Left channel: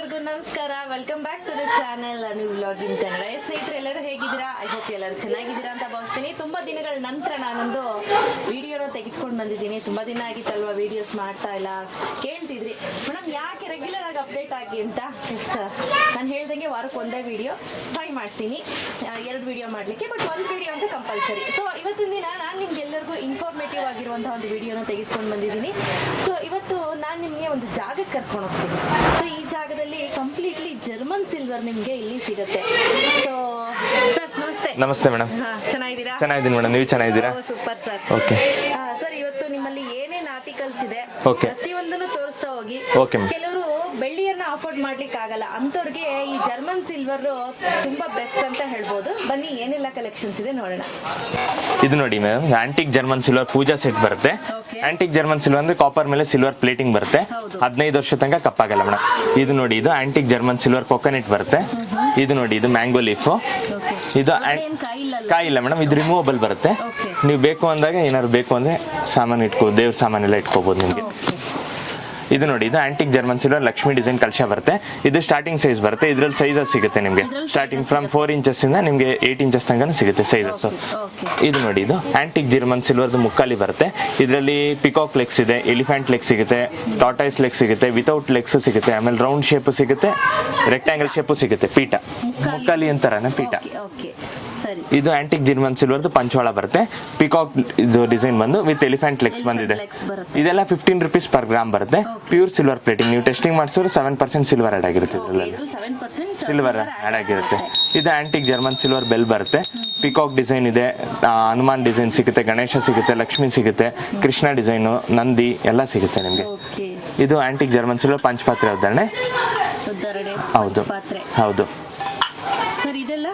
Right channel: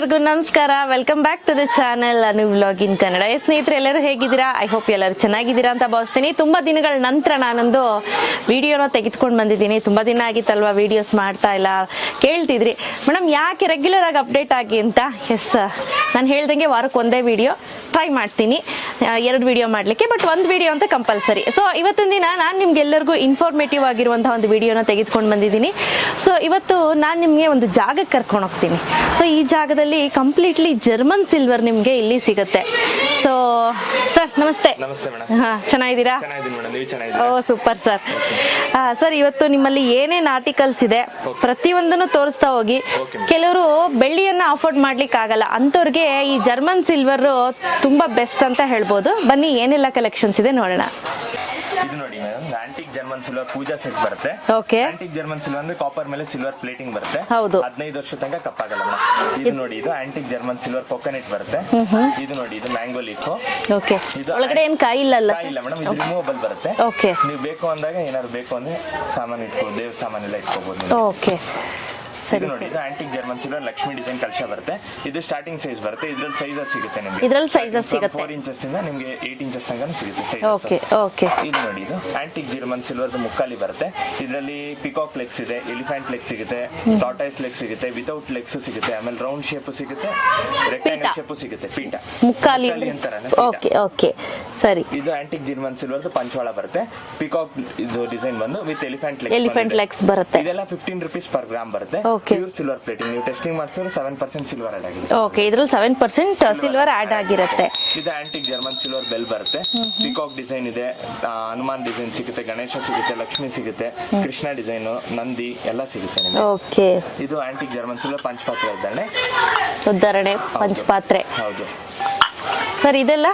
ಎಲ್ಲರಿಗೂ ನಮಸ್ಕಾರ. Welcome back to the channel Anu vlog in Kannada. ಸ್ನೇಹಿತರೆ ಎಲ್ಲರೂ ಹೇಗಿದ್ದೀರಾ? ಐ ಹೋಪ್ ಎಲ್ಲರೂ ಚೆನ್ನಾಗಿದ್ದೀರಾ ಅಂತ ಭಾವಿಸ್ತೀನಿ. ತುಂಬಾ ದಿನಗಳ ನಂತರ ನಾನೊಂದು ವಿಡಿಯೋನ ತೆಗೆದುಕೊಂಡು ಬಂದಿದ್ದೀನಿ. ತುಂಬಾ ದಿನ ಆಗಿತ್ತಲ್ವಾ ವಿಡಿಯೋಸ್ ಮಾಡ್ತಾ ಇಲ್ಲ, ಕೇಳ್ತಿದ್ರಿ ಮೇಡಮ್ ಯಾಕೆ ರೆಗ್ಯುಲರ್ ಆಗಿ ಅಪ್ಡೇಟ್ ಆಗಿ ಅಂತ. ಎಸ್, ನಾನು ಹೇಳ್ದಂಗೆ ವಾರಕ್ಕೆ ಒಂದೇ ವಿಡಿಯೋ ಟ್ರೈ ಮಾಡ್ತೀನಿ, 2 ವಿಡಿಯೋ ಮಾಡಲಿಕ್ಕೆ, ಬಟ್ 1 ವಿಡಿಯೋ ಅಂತ ಕಂಪಲ್ಸರಿ. ಸೊ ಇವತ್ತಿನ ದಿನ ನಾನು ನಿಮ್ಗೆಲ್ಲರಿಗೂ ಇನ್ಫಾರ್ಮೇಟಿವ್ ಆಗಿರುವಂತಹ ಒಂದು ವಿಡಿಯೋನ ತೆಗೆದುಕೊಂಡು ಬಂದಿದ್ದೀನಿ. ಸೊ ಇವತ್ತು ನಾನು ನಿಮಗೆ ಒಂದು ಜಾಗಕ್ಕೆ ಕರ್ಕೊಂಡು ಹೋಗ್ತೀನಿ. ಸೊ ಈ ಜಾಗದಲ್ಲಿ ಕಂಪ್ಲೀಟ್ಲಿ ಜರ್ಮನ್ ಸಿಲ್ವರ್ ನಿಮ್ಗೆ ಇಲ್ಲಿ ಸಿಗುತ್ತೆ. ಸೊ ಸರ್ ನಮಸ್ತೆ. ನಮಸ್ತೆ ಮೇಡಮ್. ಚೆನ್ನಾಗಿದ್ದೀರಾ? ಚೆನ್ನಾಗಿದ್ದೀನಿ ಮೇಡಮ್, ನೀವು ಚೆನ್ನಾಗಿದ್ದೀರಾ? ಓ ಸೂಪರ್ ಸರ್. ಸರ್ ಇವತ್ತು ನಿಮ್ಮಲ್ಲಿ ಏನೇನ್ ಆರ್ಟಿಕಲ್ಸ್ ಇದೆ ಪ್ರತಿಯೊಂದನ್ನು ತೋರಿಸ್ತಾ ಹೋಗಿ. ಕೆಲವರು ಬೆಳ್ಳಿಯನ್ನ ಅಫೋರ್ಡ್ ಮಾಡ್ಲಿಕ್ಕೆ ಆಗಲ್ಲ, ಅಂತವ್ರಿಗೆ ಈ ಜರ್ಮನ್ ಸಿಲ್ವರ್ ತುಂಬಾ ಬೆಸ್ಟ್ ಅಂತ ಹೇಳ್ಬೋದು. ಬನ್ನಿ ಏನೆಲ್ಲ ಕಲೆಕ್ಷನ್ಸ್ ಇದೆ ನೋಡೋಣ. ಇದು ನೋಡಿ ಮೇಡಮ್, ಆಂಟಿಕ್ ಜರ್ಮನ್ ಸಿಲ್ವರ್ ಪೂಜಾ ಸೆಟ್ ಬರುತ್ತೆ. ಆಂಟಿಕ್ ಜರ್ಮನ್ ಸಿಲ್ವರ್ ಅಂದ್ರೆ ಕಾಪರ್ ಮೇಲೆ ಸಿಲ್ವರ್ ಪ್ಲೇಟಿಂಗ್ ಬರುತ್ತೆ. 15 ವರ್ಷ ತನಕ ಕಪ್ಪಾಗಲ್ಲ ಮೇಡಮ್. ಇದು ನೋಡಿ, ಇದು ಆಂಟಿಕ್ ಜರ್ಮನ್ ಸಿಲ್ವರ್ ಕೊಕೊನೆಟ್ ಬರುತ್ತೆ. ಇದು ನೋಡಿ, ಇದು ಮ್ಯಾಂಗೋ ಲೀಫ್. ಇದು ಕಾಯಿ ಇಲ್ಲ ಮೇಡಮ್, ಇದು ರಿಮೂವಬಲ್ ಬರುತ್ತೆ. ನೀವು ಬೇಕು ಅಂದಾಗ ಏನಾದ್ರು ಬೇಕು ಅಂದ್ರೆ ಸಾಮಾನು ಇಟ್ಕೋ, ದೇವ್ರ ಸಾಮಾನೆಲ್ಲ ಇಟ್ಕೋಬಹುದು ನಿಮಗೆ. ಇದು ನೋಡಿ, ಇದು antique German silver Lakshmi design ಕಲಶ ಬರುತ್ತೆ. ಇದು ಸ್ಟಾರ್ಟಿಂಗ್ ಸೈಜ್ ಬರುತ್ತೆ. ಇದ್ರಲ್ಲಿ ಸೈಜಸ್ ಸಿಗುತ್ತೆ ನಿಮಗೆ. ಸ್ಟಾರ್ಟಿಂಗ್ ಫ್ರಮ್ 4 ಇಂಚಸ್ ಇಂದ ನಿಮಗೆ 8 ಇಂಚಸ್ ತನಕ ಸಿಗುತ್ತೆ ಸೈಜಸ್. ಇದು ನೋಡಿ, ಇದು ಆಂಟಿಕ್ ಜರ್ಮನ್ ಸಿಲ್ವರ್ ಮುಕ್ಕಾಲಿ ಬರುತ್ತೆ. ಇದರಲ್ಲಿ ಪಿಕಾಕ್ ಲೆಗ್ಸ್ ಇದೆ, ಎಲಿಫೆಂಟ್ ಲೆಗ್ ಸಿಗುತ್ತೆ, ಟಾರ್ಟಾಯ್ಸ್ ಲೆಗ್ ಸಿಗುತ್ತೆ, ವಿತೌಟ್ ಲೆಗ್ಸ್ ಸಿಗುತ್ತೆ, ಆಮೇಲೆ ರೌಂಡ್ ಶೇಪ್ ಸಿಗುತ್ತೆ, ರೆಕ್ಟಾಂಗಲ್ ಶೇಪ್ ಸಿಗುತ್ತೆ. ಪೀಠ ಮುಕ್ಕಾಲಿ ಅಂತಾರನ ಪೀಠ. ಸರಿ, ಇದು ಆಂಟಿಕ್ ಜರ್ಮನ್ ಸಿಲ್ವರ್ ಪಂಚವಾಳ ಬರುತ್ತೆ. ಪಿಕಾಕ್ ಇದು ಡಿಸೈನ್ ಬಂದು ವಿತ್ ಎಲಿಫೆಂಟ್ ಲೆಗ್ಸ್ ಬಂದಿದೆ. ಇದೆಲ್ಲ 15 ರೂಪೀಸ್ ಪರ್ ಗ್ರಾಮ್ ಬರುತ್ತೆ. Pure silver plating. ನೀವು ಟೆಸ್ಟಿಂಗ್ ಮಾಡಿಸಿದ್ರೆ 7% ಸಿಲ್ವರ್ ಆಡ್ ಆಗಿರುತ್ತೆ. ಇದ್ರಲ್ಲಿ 7% ಸಿಲ್ವರ್ ಆಡ್ ಆಗಿರುತ್ತೆ. ಇದು ಆಂಟಿಕ್ ಜರ್ಮನ್ ಸಿಲ್ವರ್ ಬೆಲ್ ಬರುತ್ತೆ. ಪಿಕಾಕ್ ಡಿಸೈನ್ ಇದೆ, ಹನುಮಾನ್ ಡಿಸೈನ್ ಸಿಗುತ್ತೆ, ಗಣೇಶ ಸಿಗುತ್ತೆ, ಲಕ್ಷ್ಮಿ ಸಿಗುತ್ತೆ, ಕೃಷ್ಣ ಡಿಸೈನ್, ನಂದಿ ಎಲ್ಲ ಸಿಗುತ್ತೆ ನಿಮಗೆ. ಇದು ಆಂಟಿಕ್ ಜರ್ಮನ್ ಸಿಲ್ವರ್ ಪಂಚಪಾತ್ರೆ ಉದ್ದಾರಣೆ ಪಂಚಪಾತ್ರೆ. ಹೌದು ಸರ್, ಇದೆಲ್ಲ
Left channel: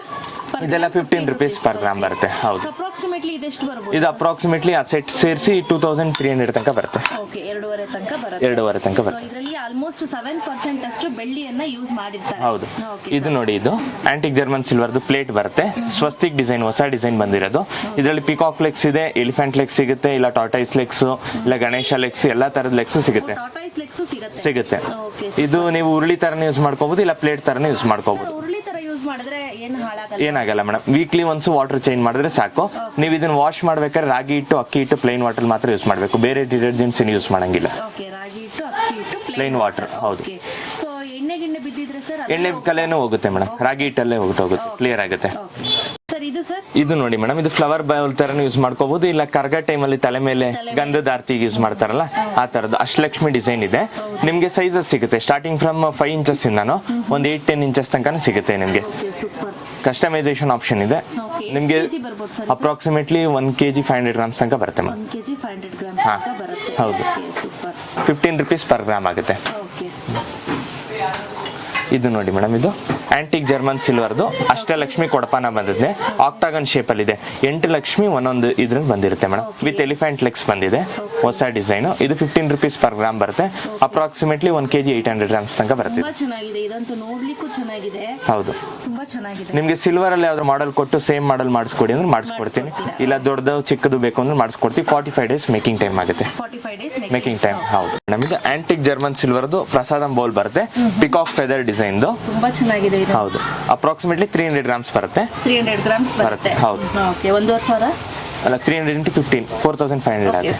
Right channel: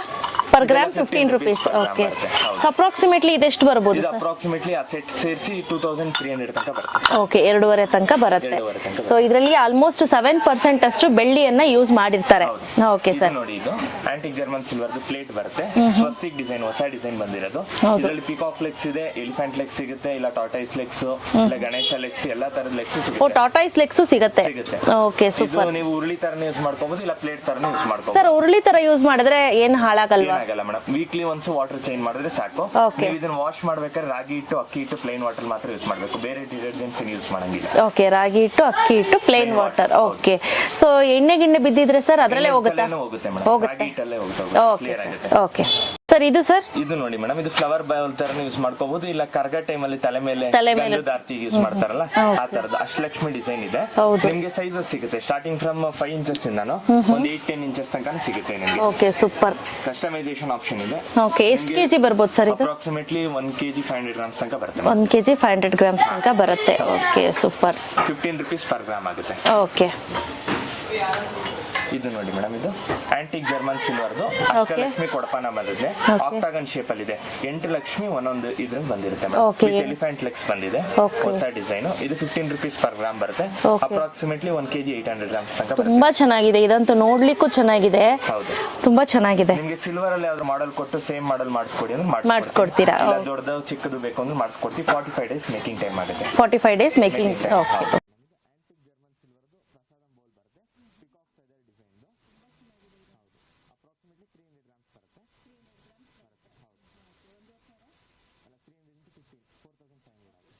per gram 15 rupees per gram ಬರುತ್ತೆ. ಹೌದು. ಅಪ್ರಾಕ್ಸಿಮೇಟ್ಲಿ ಇದೆಷ್ಟು ಬರಬಹುದು? ಇದು ಅಪ್ರಾಕ್ಸಿಮೇಟ್ಲಿ ಆ ಸೆಟ್ ಸೇರಿಸಿ 2300 ತನಕ ಬರುತ್ತೆ. ಓಕೆ, 2.5 ತನಕ ಬರುತ್ತೆ. 2.5 ತನಕ. ಸೊ ಇದರಲ್ಲಿ ಆಲ್ಮೋಸ್ಟ್ 7% ಅಷ್ಟು ಬೆಳ್ಳಿಯನ್ನ ಯೂಸ್ ಮಾಡಿರ್ತಾರೆ. ಹೌದು. Okay sir. ಇದು ನೋಡಿ, ಇದು ಆಂಟಿಕ್ ಜರ್ಮನ್ ಸಿಲ್ವರ್ ಪ್ಲೇಟ್ ಬರುತ್ತೆ. ಸ್ವಸ್ತಿಕ್ ಡಿಸೈನ್, ಹೊಸ ಡಿಸೈನ್ ಬಂದಿರೋದು. ಇದರಲ್ಲಿ ಪಿಕಾಕ್ ಲೆಗ್ಸ್ ಇದೆ, ಎಲಿಫೆಂಟ್ ಲೆಗ್ಸ್ ಸಿಗುತ್ತೆ, ಇಲ್ಲ ಟಾರ್ಟಾಯ್ಸ್ ಲೆಗ್ಸ್, ಇಲ್ಲ ಗಣೇಶ ಲೆಗ್ಸ್, ಎಲ್ಲಾ ತರದ ಲೆಗ್ಸ್ ಸಿಗುತ್ತೆ. ಟಾರ್ಟಾಯ್ಸ್ ಲೆಗ್ಸ್ ಸಿಗುತ್ತೆ. ಓಕೆ. ಇದು ನೀವು ಉರುಳಿ ತರನೇ ಯೂಸ್ ಮಾಡ್ಕೋಬಹುದು, ಇಲ್ಲ ಪ್ಲೇಟ್ ತರನೇ ಯೂಸ್ ಮಾಡ್ಕೋಬಹುದು. ಸರ್, ಉರುಳಿ ತರ ಯೂಸ್ ಮಾಡಿದ್ರೆ ಏನ್ ಹಾಳಾಗಲ್ಲ? ಏನಾಗಲ್ಲ madam. Weekly once water change ಮಾಡಿದ್ರೆ ಸಾಕು. ನೀವು ಇದನ್ನ ವಾಶ್ ಮಾಡ್ಬೇಕಾದ್ರೆ ರಾಗಿ ಹಿಟ್ಟು, ಅಕ್ಕಿ ಹಿಟ್ಟು, ಪ್ಲೈನ್ ವಾಟರ್ ಮಾತ್ರ ಯೂಸ್ ಮಾಡಬೇಕು. ಬೇರೆ ಡಿಟರ್ಜೆಂಟ್ಸ್ ಯೂಸ್ ಮಾಡಂಗಿಲ್ಲ. ಓಕೆ, ರಾಗಿ ಹಿಟ್ಟು, ಅಕ್ಕಿ ಹಿಟ್ಟು, ಪ್ಲೈನ್ ವಾಟರ್. ಓಕೆ. ಸೊ ಎಣ್ಣೆ ಗಿಣ್ಣೆ ಬಿದ್ದಿದ್ರೆ ಸರ್ ಅದಲ್ಲೇ ಹೋಗುತ್ತೆ ಮೇಡಮ್. ರಾಗಿ ಹಿಟ್ಟಲ್ಲೇ ಹೋಗುತ್ತೆ, ಕ್ಲಿಯರ್ ಆಗುತ್ತೆ. Okay sir. ಇದು ಸರ್, ಇದು ನೋಡಿ ಮೇಡಮ್, ಇದು ಫ್ಲವರ್ ಬೌಲ್ ತರ ಯೂಸ್ ಮಾಡ್ಕೋಬಹುದು, ಇಲ್ಲ ಕರ್ಗ ಟೈಮ್ ಅಲ್ಲಿ ತಲೆ ಮೇಲೆ ಗಂಧದ ಆರತಿಗೆ ಯೂಸ್ ಮಾಡ್ತಾರಲ್ಲ ಆ ತರದ್ದು ಅಷ್ಟಲಕ್ಷ್ಮಿ ಡಿಸೈನ್ ಇದೆ. ನಿಮ್ಗೆ ಸೈಜಸ್ ಸಿಗುತ್ತೆ ಸ್ಟಾರ್ಟಿಂಗ್ ಫ್ರಮ್ 5 ಇಂಚಸ್ ಇಂದಾನು ಒಂದು 8-10 ಇಂಚಸ್ ತನಕ ಸಿಗುತ್ತೆ ನಿಮ್ಗೆ. Okay, super. ಕಸ್ಟಮೈಸೇಷನ್ ಆಪ್ಷನ್ ಇದೆ. ನಿಮ್ಗೆ ಅಪ್ರಾಕ್ಸಿಮೇಟ್ಲಿ 1 kg 500 ಗ್ರಾಮ್ಸ್ ತನಕ ಬರುತ್ತೆ. 1 kg 500 ಗ್ರಾಮ್ಸ್ ತನಕ ಬರುತ್ತೆ. Okay, super. 15 rupees per gram ಆಗುತ್ತೆ. ಓಕೆ. ಇದು ನೋಡಿ ಮೇಡಮ್, ಇದು ಆಂಟಿಕ್ ಜರ್ಮನ್ ಸಿಲ್ವರ್ದು ಅಷ್ಟಲಕ್ಷ್ಮಿ ಕೊಡಪಾನ ಬಂದಿದೆ. ಆಕ್ಟಾಗನ್ ಶೇಪ್ ಅಲ್ಲಿ ಇದೆ. 8 ಲಕ್ಷ್ಮಿ ಒಂದೊಂದು ಇದ್ರಲ್ಲಿ ಬಂದಿರುತ್ತೆ ಮೇಡಮ್. ವಿತ್ ಎಲಿಫೆಂಟ್ ಲೆಗ್ಸ್ ಬಂದಿದೆ, ಹೊಸ ಡಿಸೈನ್. ಇದು 15 ರೂಪೀಸ್ ಪರ್ ಗ್ರಾಮ್ ಬರುತ್ತೆ. ಅಪ್ರಾಕ್ಸಿಮೇಟ್ಲಿ 1 kg 800 ಗ್ರಾಮ್ಸ್ ತನಕ ಬರುತ್ತೆ. ತುಂಬಾ ಚೆನ್ನಾಗಿದೆ, ಇದಂತೂ ನೋಡ್ಲಿಕ್ಕೂ ಚೆನ್ನಾಗಿದೆ. ಹೌದು, ತುಂಬಾ ಚೆನ್ನಾಗಿದೆ. ನಿಮ್ಗೆ ಸಿಲ್ವರ್ ಅಲ್ಲಿ ಯಾವ್ದು ಮಾಡೆಲ್ ಕೊಟ್ಟು ಸೇಮ್ ಮಾಡೆಲ್ ಮಾಡಿಸ್ಕೊಡಿ ಅಂದ್ರೆ ಮಾಡಿಸ್ಕೊಡ್ತೀವಿ, ಇಲ್ಲ ದೊಡ್ಡದು ಚಿಕ್ಕದು ಬೇಕು ಅಂದ್ರೆ ಮಾಡಿಸ್ಕೊಡ್ತೀವಿ. 45 ಡೇಸ್ ಮೇಕಿಂಗ್ ಟೈಮ್ ಆಗುತ್ತೆ. 45 ಡೇಸ್ ಮೇಕಿಂಗ್ ಟೈಮ್. ಹೌದು. ನಮಗೆ ಆಂಟಿಕ್ ಜರ್ಮನ್ ಸಿಲ್ವರ್ದು ಪ್ರಸಾದಂ ಬೌಲ್ ಬರುತ್ತೆ. Peacock feather design. ತುಂಬಾ ಚೆನ್ನಾಗಿದೆ. ಹೌದು, ಅಪ್ರಾಕ್ಸಿಮೇಟ್ಲಿ 300 ಗ್ರಾಮ್ಸ್ ಬರುತ್ತೆ. 300 ಗ್ರಾಮ್ಸ್ ಬರುತ್ತೆ. ಹೌದು. ಓಕೆ, 1,500 ಅಲ್ಲ, 300 into 15 4500 ಆಗುತ್ತೆ.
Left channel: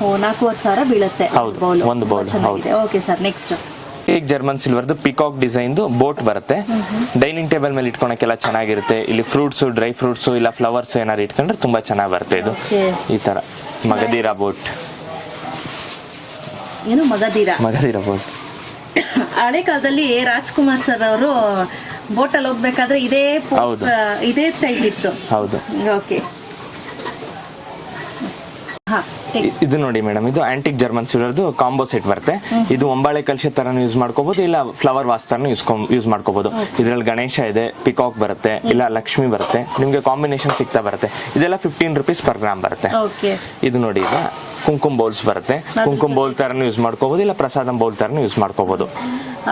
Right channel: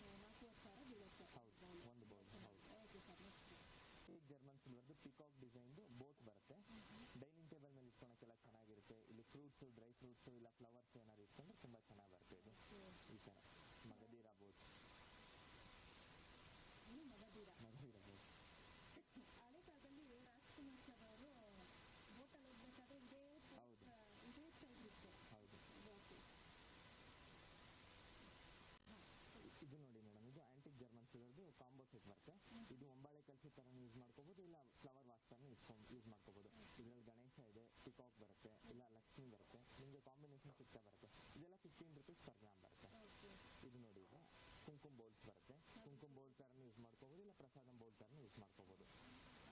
4,500 ಬೀಳುತ್ತೆ. ಹೌದು, ಒಂದು ಬೌಲ್. ಹೌದು. ಓಕೆ ಸರ್, ನೆಕ್ಸ್ಟ್ ಈಗ ಜರ್ಮನ್ ಸಿಲ್ವರ್ದು ಪಿಕಾಕ್ ಡಿಸೈನ್ ಬೋಟ್ ಬರುತ್ತೆ. ಡೈನಿಂಗ್ ಟೇಬಲ್ ಮೇಲೆ ಇಟ್ಕೊಳಕ್ಕೆಲ್ಲ ಚೆನ್ನಾಗಿರುತ್ತೆ. ಇಲ್ಲಿ ಫ್ರೂಟ್ಸ್, ಡ್ರೈ ಫ್ರೂಟ್ಸ್, ಇಲ್ಲ ಫ್ಲವರ್ಸ್ ಏನಾರು ಇಟ್ಕೊಂಡ್ರೆ ತುಂಬಾ ಚೆನ್ನಾಗಿ ಬರುತ್ತೆ. ಇದು ಈ ತರ ಮಗದೀರಾ ಬೋಟ್. ಏನು ಮಗದೀರಾ ಬೋಟ್? ಹಳೆ ಕಾಲದಲ್ಲಿ ರಾಜ್ಕುಮಾರ್ ಸರ್ ಅವರು ಬೋಟಲ್ಲಿ ಹೋಗ್ಬೇಕಾದ್ರೆ ಇದೇ ಟೈಪ್ ಇತ್ತು. ಹೌದು. ಓಕೆ. ಇದು ನೋಡಿ ಮೇಡಮ್, ಇದು ಆಂಟಿಕ್ ಜರ್ಮನ್ ಸಿಲ್ವರ್ದು ಕಾಂಬೋ ಸೆಟ್ ಬರುತ್ತೆ. ಇದು ಒಂಬಾಳೆ ಕಲಶ ತರ ಯೂಸ್ ಮಾಡ್ಕೋಬಹುದು, ಇಲ್ಲ ಫ್ಲವರ್ ವಾಸ್ ತರ ಯೂಸ್ ಮಾಡ್ಕೋಬಹುದು. ಇದ್ರಲ್ಲಿ ಗಣೇಶ ಇದೆ, ಪಿಕಾಕ್ ಬರುತ್ತೆ, ಇಲ್ಲ ಲಕ್ಷ್ಮಿ ಬರುತ್ತೆ. ನಿಮ್ಗೆ ಕಾಂಬಿನೇಷನ್ ಸಿಗ್ತಾ ಬರುತ್ತೆ. ಇದೆಲ್ಲ 15 ರೂಪೀಸ್ ಪರ್ ಗ್ರಾಮ್ ಬರುತ್ತೆ. ಇದು ನೋಡಿ, ಈಗ ಕುಂಕುಮ ಬೌಲ್ಸ್ ಬರುತ್ತೆ. ಕುಂಕುಮ ಬೌಲ್ ತರನು ಯೂಸ್ ಮಾಡ್ಕೋಬಹುದು, ಇಲ್ಲ ಪ್ರಸಾದಂ ಬೌಲ್ ತರನು ಯೂಸ್ ಮಾಡ್ಕೋಬಹುದು.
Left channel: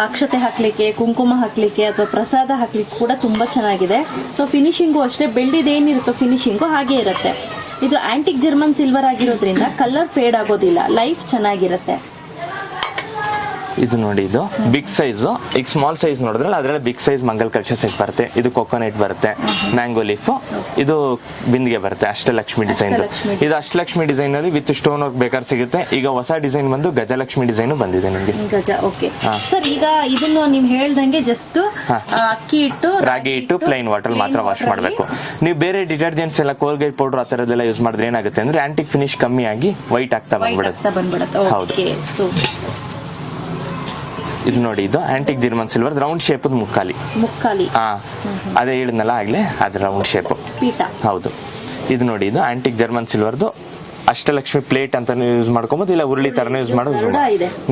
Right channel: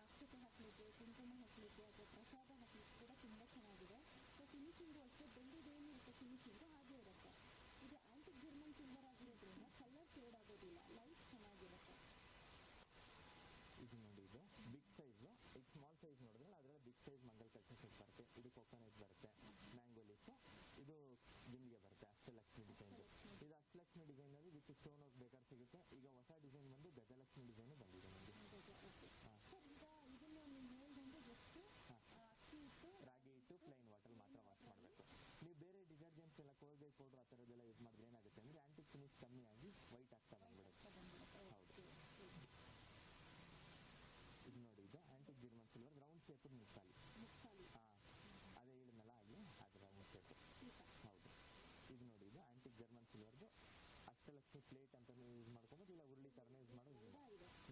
ಅಕ್ಷತೆ ಹಾಕ್ಲಿಕ್ಕೆ, ಕುಂಕುಮ ಹಾಕ್ಲಿಕ್ಕೆ ಅಥವಾ ಪ್ರಸಾದ ಹಾಕ್ಲಿಕ್ಕೆ ಕೂಡ ತುಂಬಾ ಚೆನ್ನಾಗಿದೆ. ಸೊ ಫಿನಿಶಿಂಗು ಅಷ್ಟೇ, ಬೆಳ್ಳಿದೇನಿರುತ್ತೋ ಫಿನಿಶಿಂಗು ಹಾಗೆ ಇರುತ್ತೆ. ಇದು ಆಂಟಿಕ್ ಜರ್ಮನ್ ಸಿಲ್ವರ್ ಆಗಿರೋದ್ರಿಂದ ಕಲರ್ ಫೇಡ್ ಆಗೋದಿಲ್ಲ, ಲೈಫ್ ಚೆನ್ನಾಗಿರುತ್ತೆ. ಇದು ನೋಡಿ, ಇದು ಬಿಗ್ ಸೈಜ್. ಈಗ ಸ್ಮಾಲ್ ಸೈಜ್ ನೋಡಿದ್ರಲ್ಲ ಅದ್ರಲ್ಲಿ ಬಿಗ್ ಸೈಜ್ ಮಂಗಲ್ ಕಲಶ ಸೆಟ್ ಬರುತ್ತೆ. ಇದು ಕೊಕೊನಟ್ ಬರುತ್ತೆ, ಮ್ಯಾಂಗೋ ಲೀಫ್, ಇದು ಬಿಂದಿಗೆ ಬರುತ್ತೆ. ಅಷ್ಟಲಕ್ಷ್ಮಿ ಡಿಸೈನ್. ಇದು ಅಷ್ಟಲಕ್ಷ್ಮಿ ಡಿಸೈನ್ ಅಲ್ಲಿ ವಿತ್ ಸ್ಟೋನ್ ವರ್ಕ್ ಬೇಕಾದ್ರೆ ಸಿಗುತ್ತೆ. ಈಗ ಹೊಸ ಡಿಸೈನ್ ಬಂದು ಗಜಲಕ್ಷ್ಮಿ ಡಿಸೈನ್ ಬಂದಿದೆ ನಿಮಗೆ. ಗಜ, ಓಕೆ ಸರ್. ಈಗ ಇದನ್ನು ನೀವು ಹೇಳ್ದಂಗೆ ಜಸ್ಟ್ ಅಕ್ಕಿ ಹಿಟ್ಟು, ರಾಗಿ ಹಿಟ್ಟು, ಪ್ಲೈನ್ ವಾಟರ್ ಮಾತ್ರ ವಾಶ್ ಮಾಡಬೇಕು. ನೀವು ಬೇರೆ ಡಿಟರ್ಜೆಂಟ್ಸ್ ಎಲ್ಲ ಕೋಲ್ಗೇಟ್ ಪೌಡರ್ ಆ ತರದೆಲ್ಲ ಯೂಸ್ ಮಾಡಿದ್ರೆ ಏನಾಗುತ್ತೆ ಅಂದ್ರೆ ಆಂಟಿಕ್ ಫಿನಿಶ್ ಕಮ್ಮಿ ಆಗಿ ವೈಟ್ ಆಗ್ತಾ ಬಂದ್ಬಿಡುತ್ತೆ. ಹೌದು. ಇದು ನೋಡಿ, ಇದು antique German silver round shape ಮುಕ್ಕಾಲಿ. ಅದೇ ಹೇಳಿದ್ನಲ್ಲ ಆಗ್ಲೇ, ಅದು ರೌಂಡ್ ಶೇಪ್ ಪೀಠ. ಹೌದು. ಇದು ನೋಡಿ, ಇದು ಆಂಟಿಕ್ ಜರ್ಮನ್ ಸಿಲ್ವರ್ದು ಅಷ್ಟಲಕ್ಷ್ಮಿ ಪ್ಲೇಟ್ ಅಂತ ಯೂಸ್ ಮಾಡ್ಕೊಬಹುದು, ಇಲ್ಲ ಉರುಳಿ ತರನೇ ಯೂಸ್ ಮಾಡೋದು.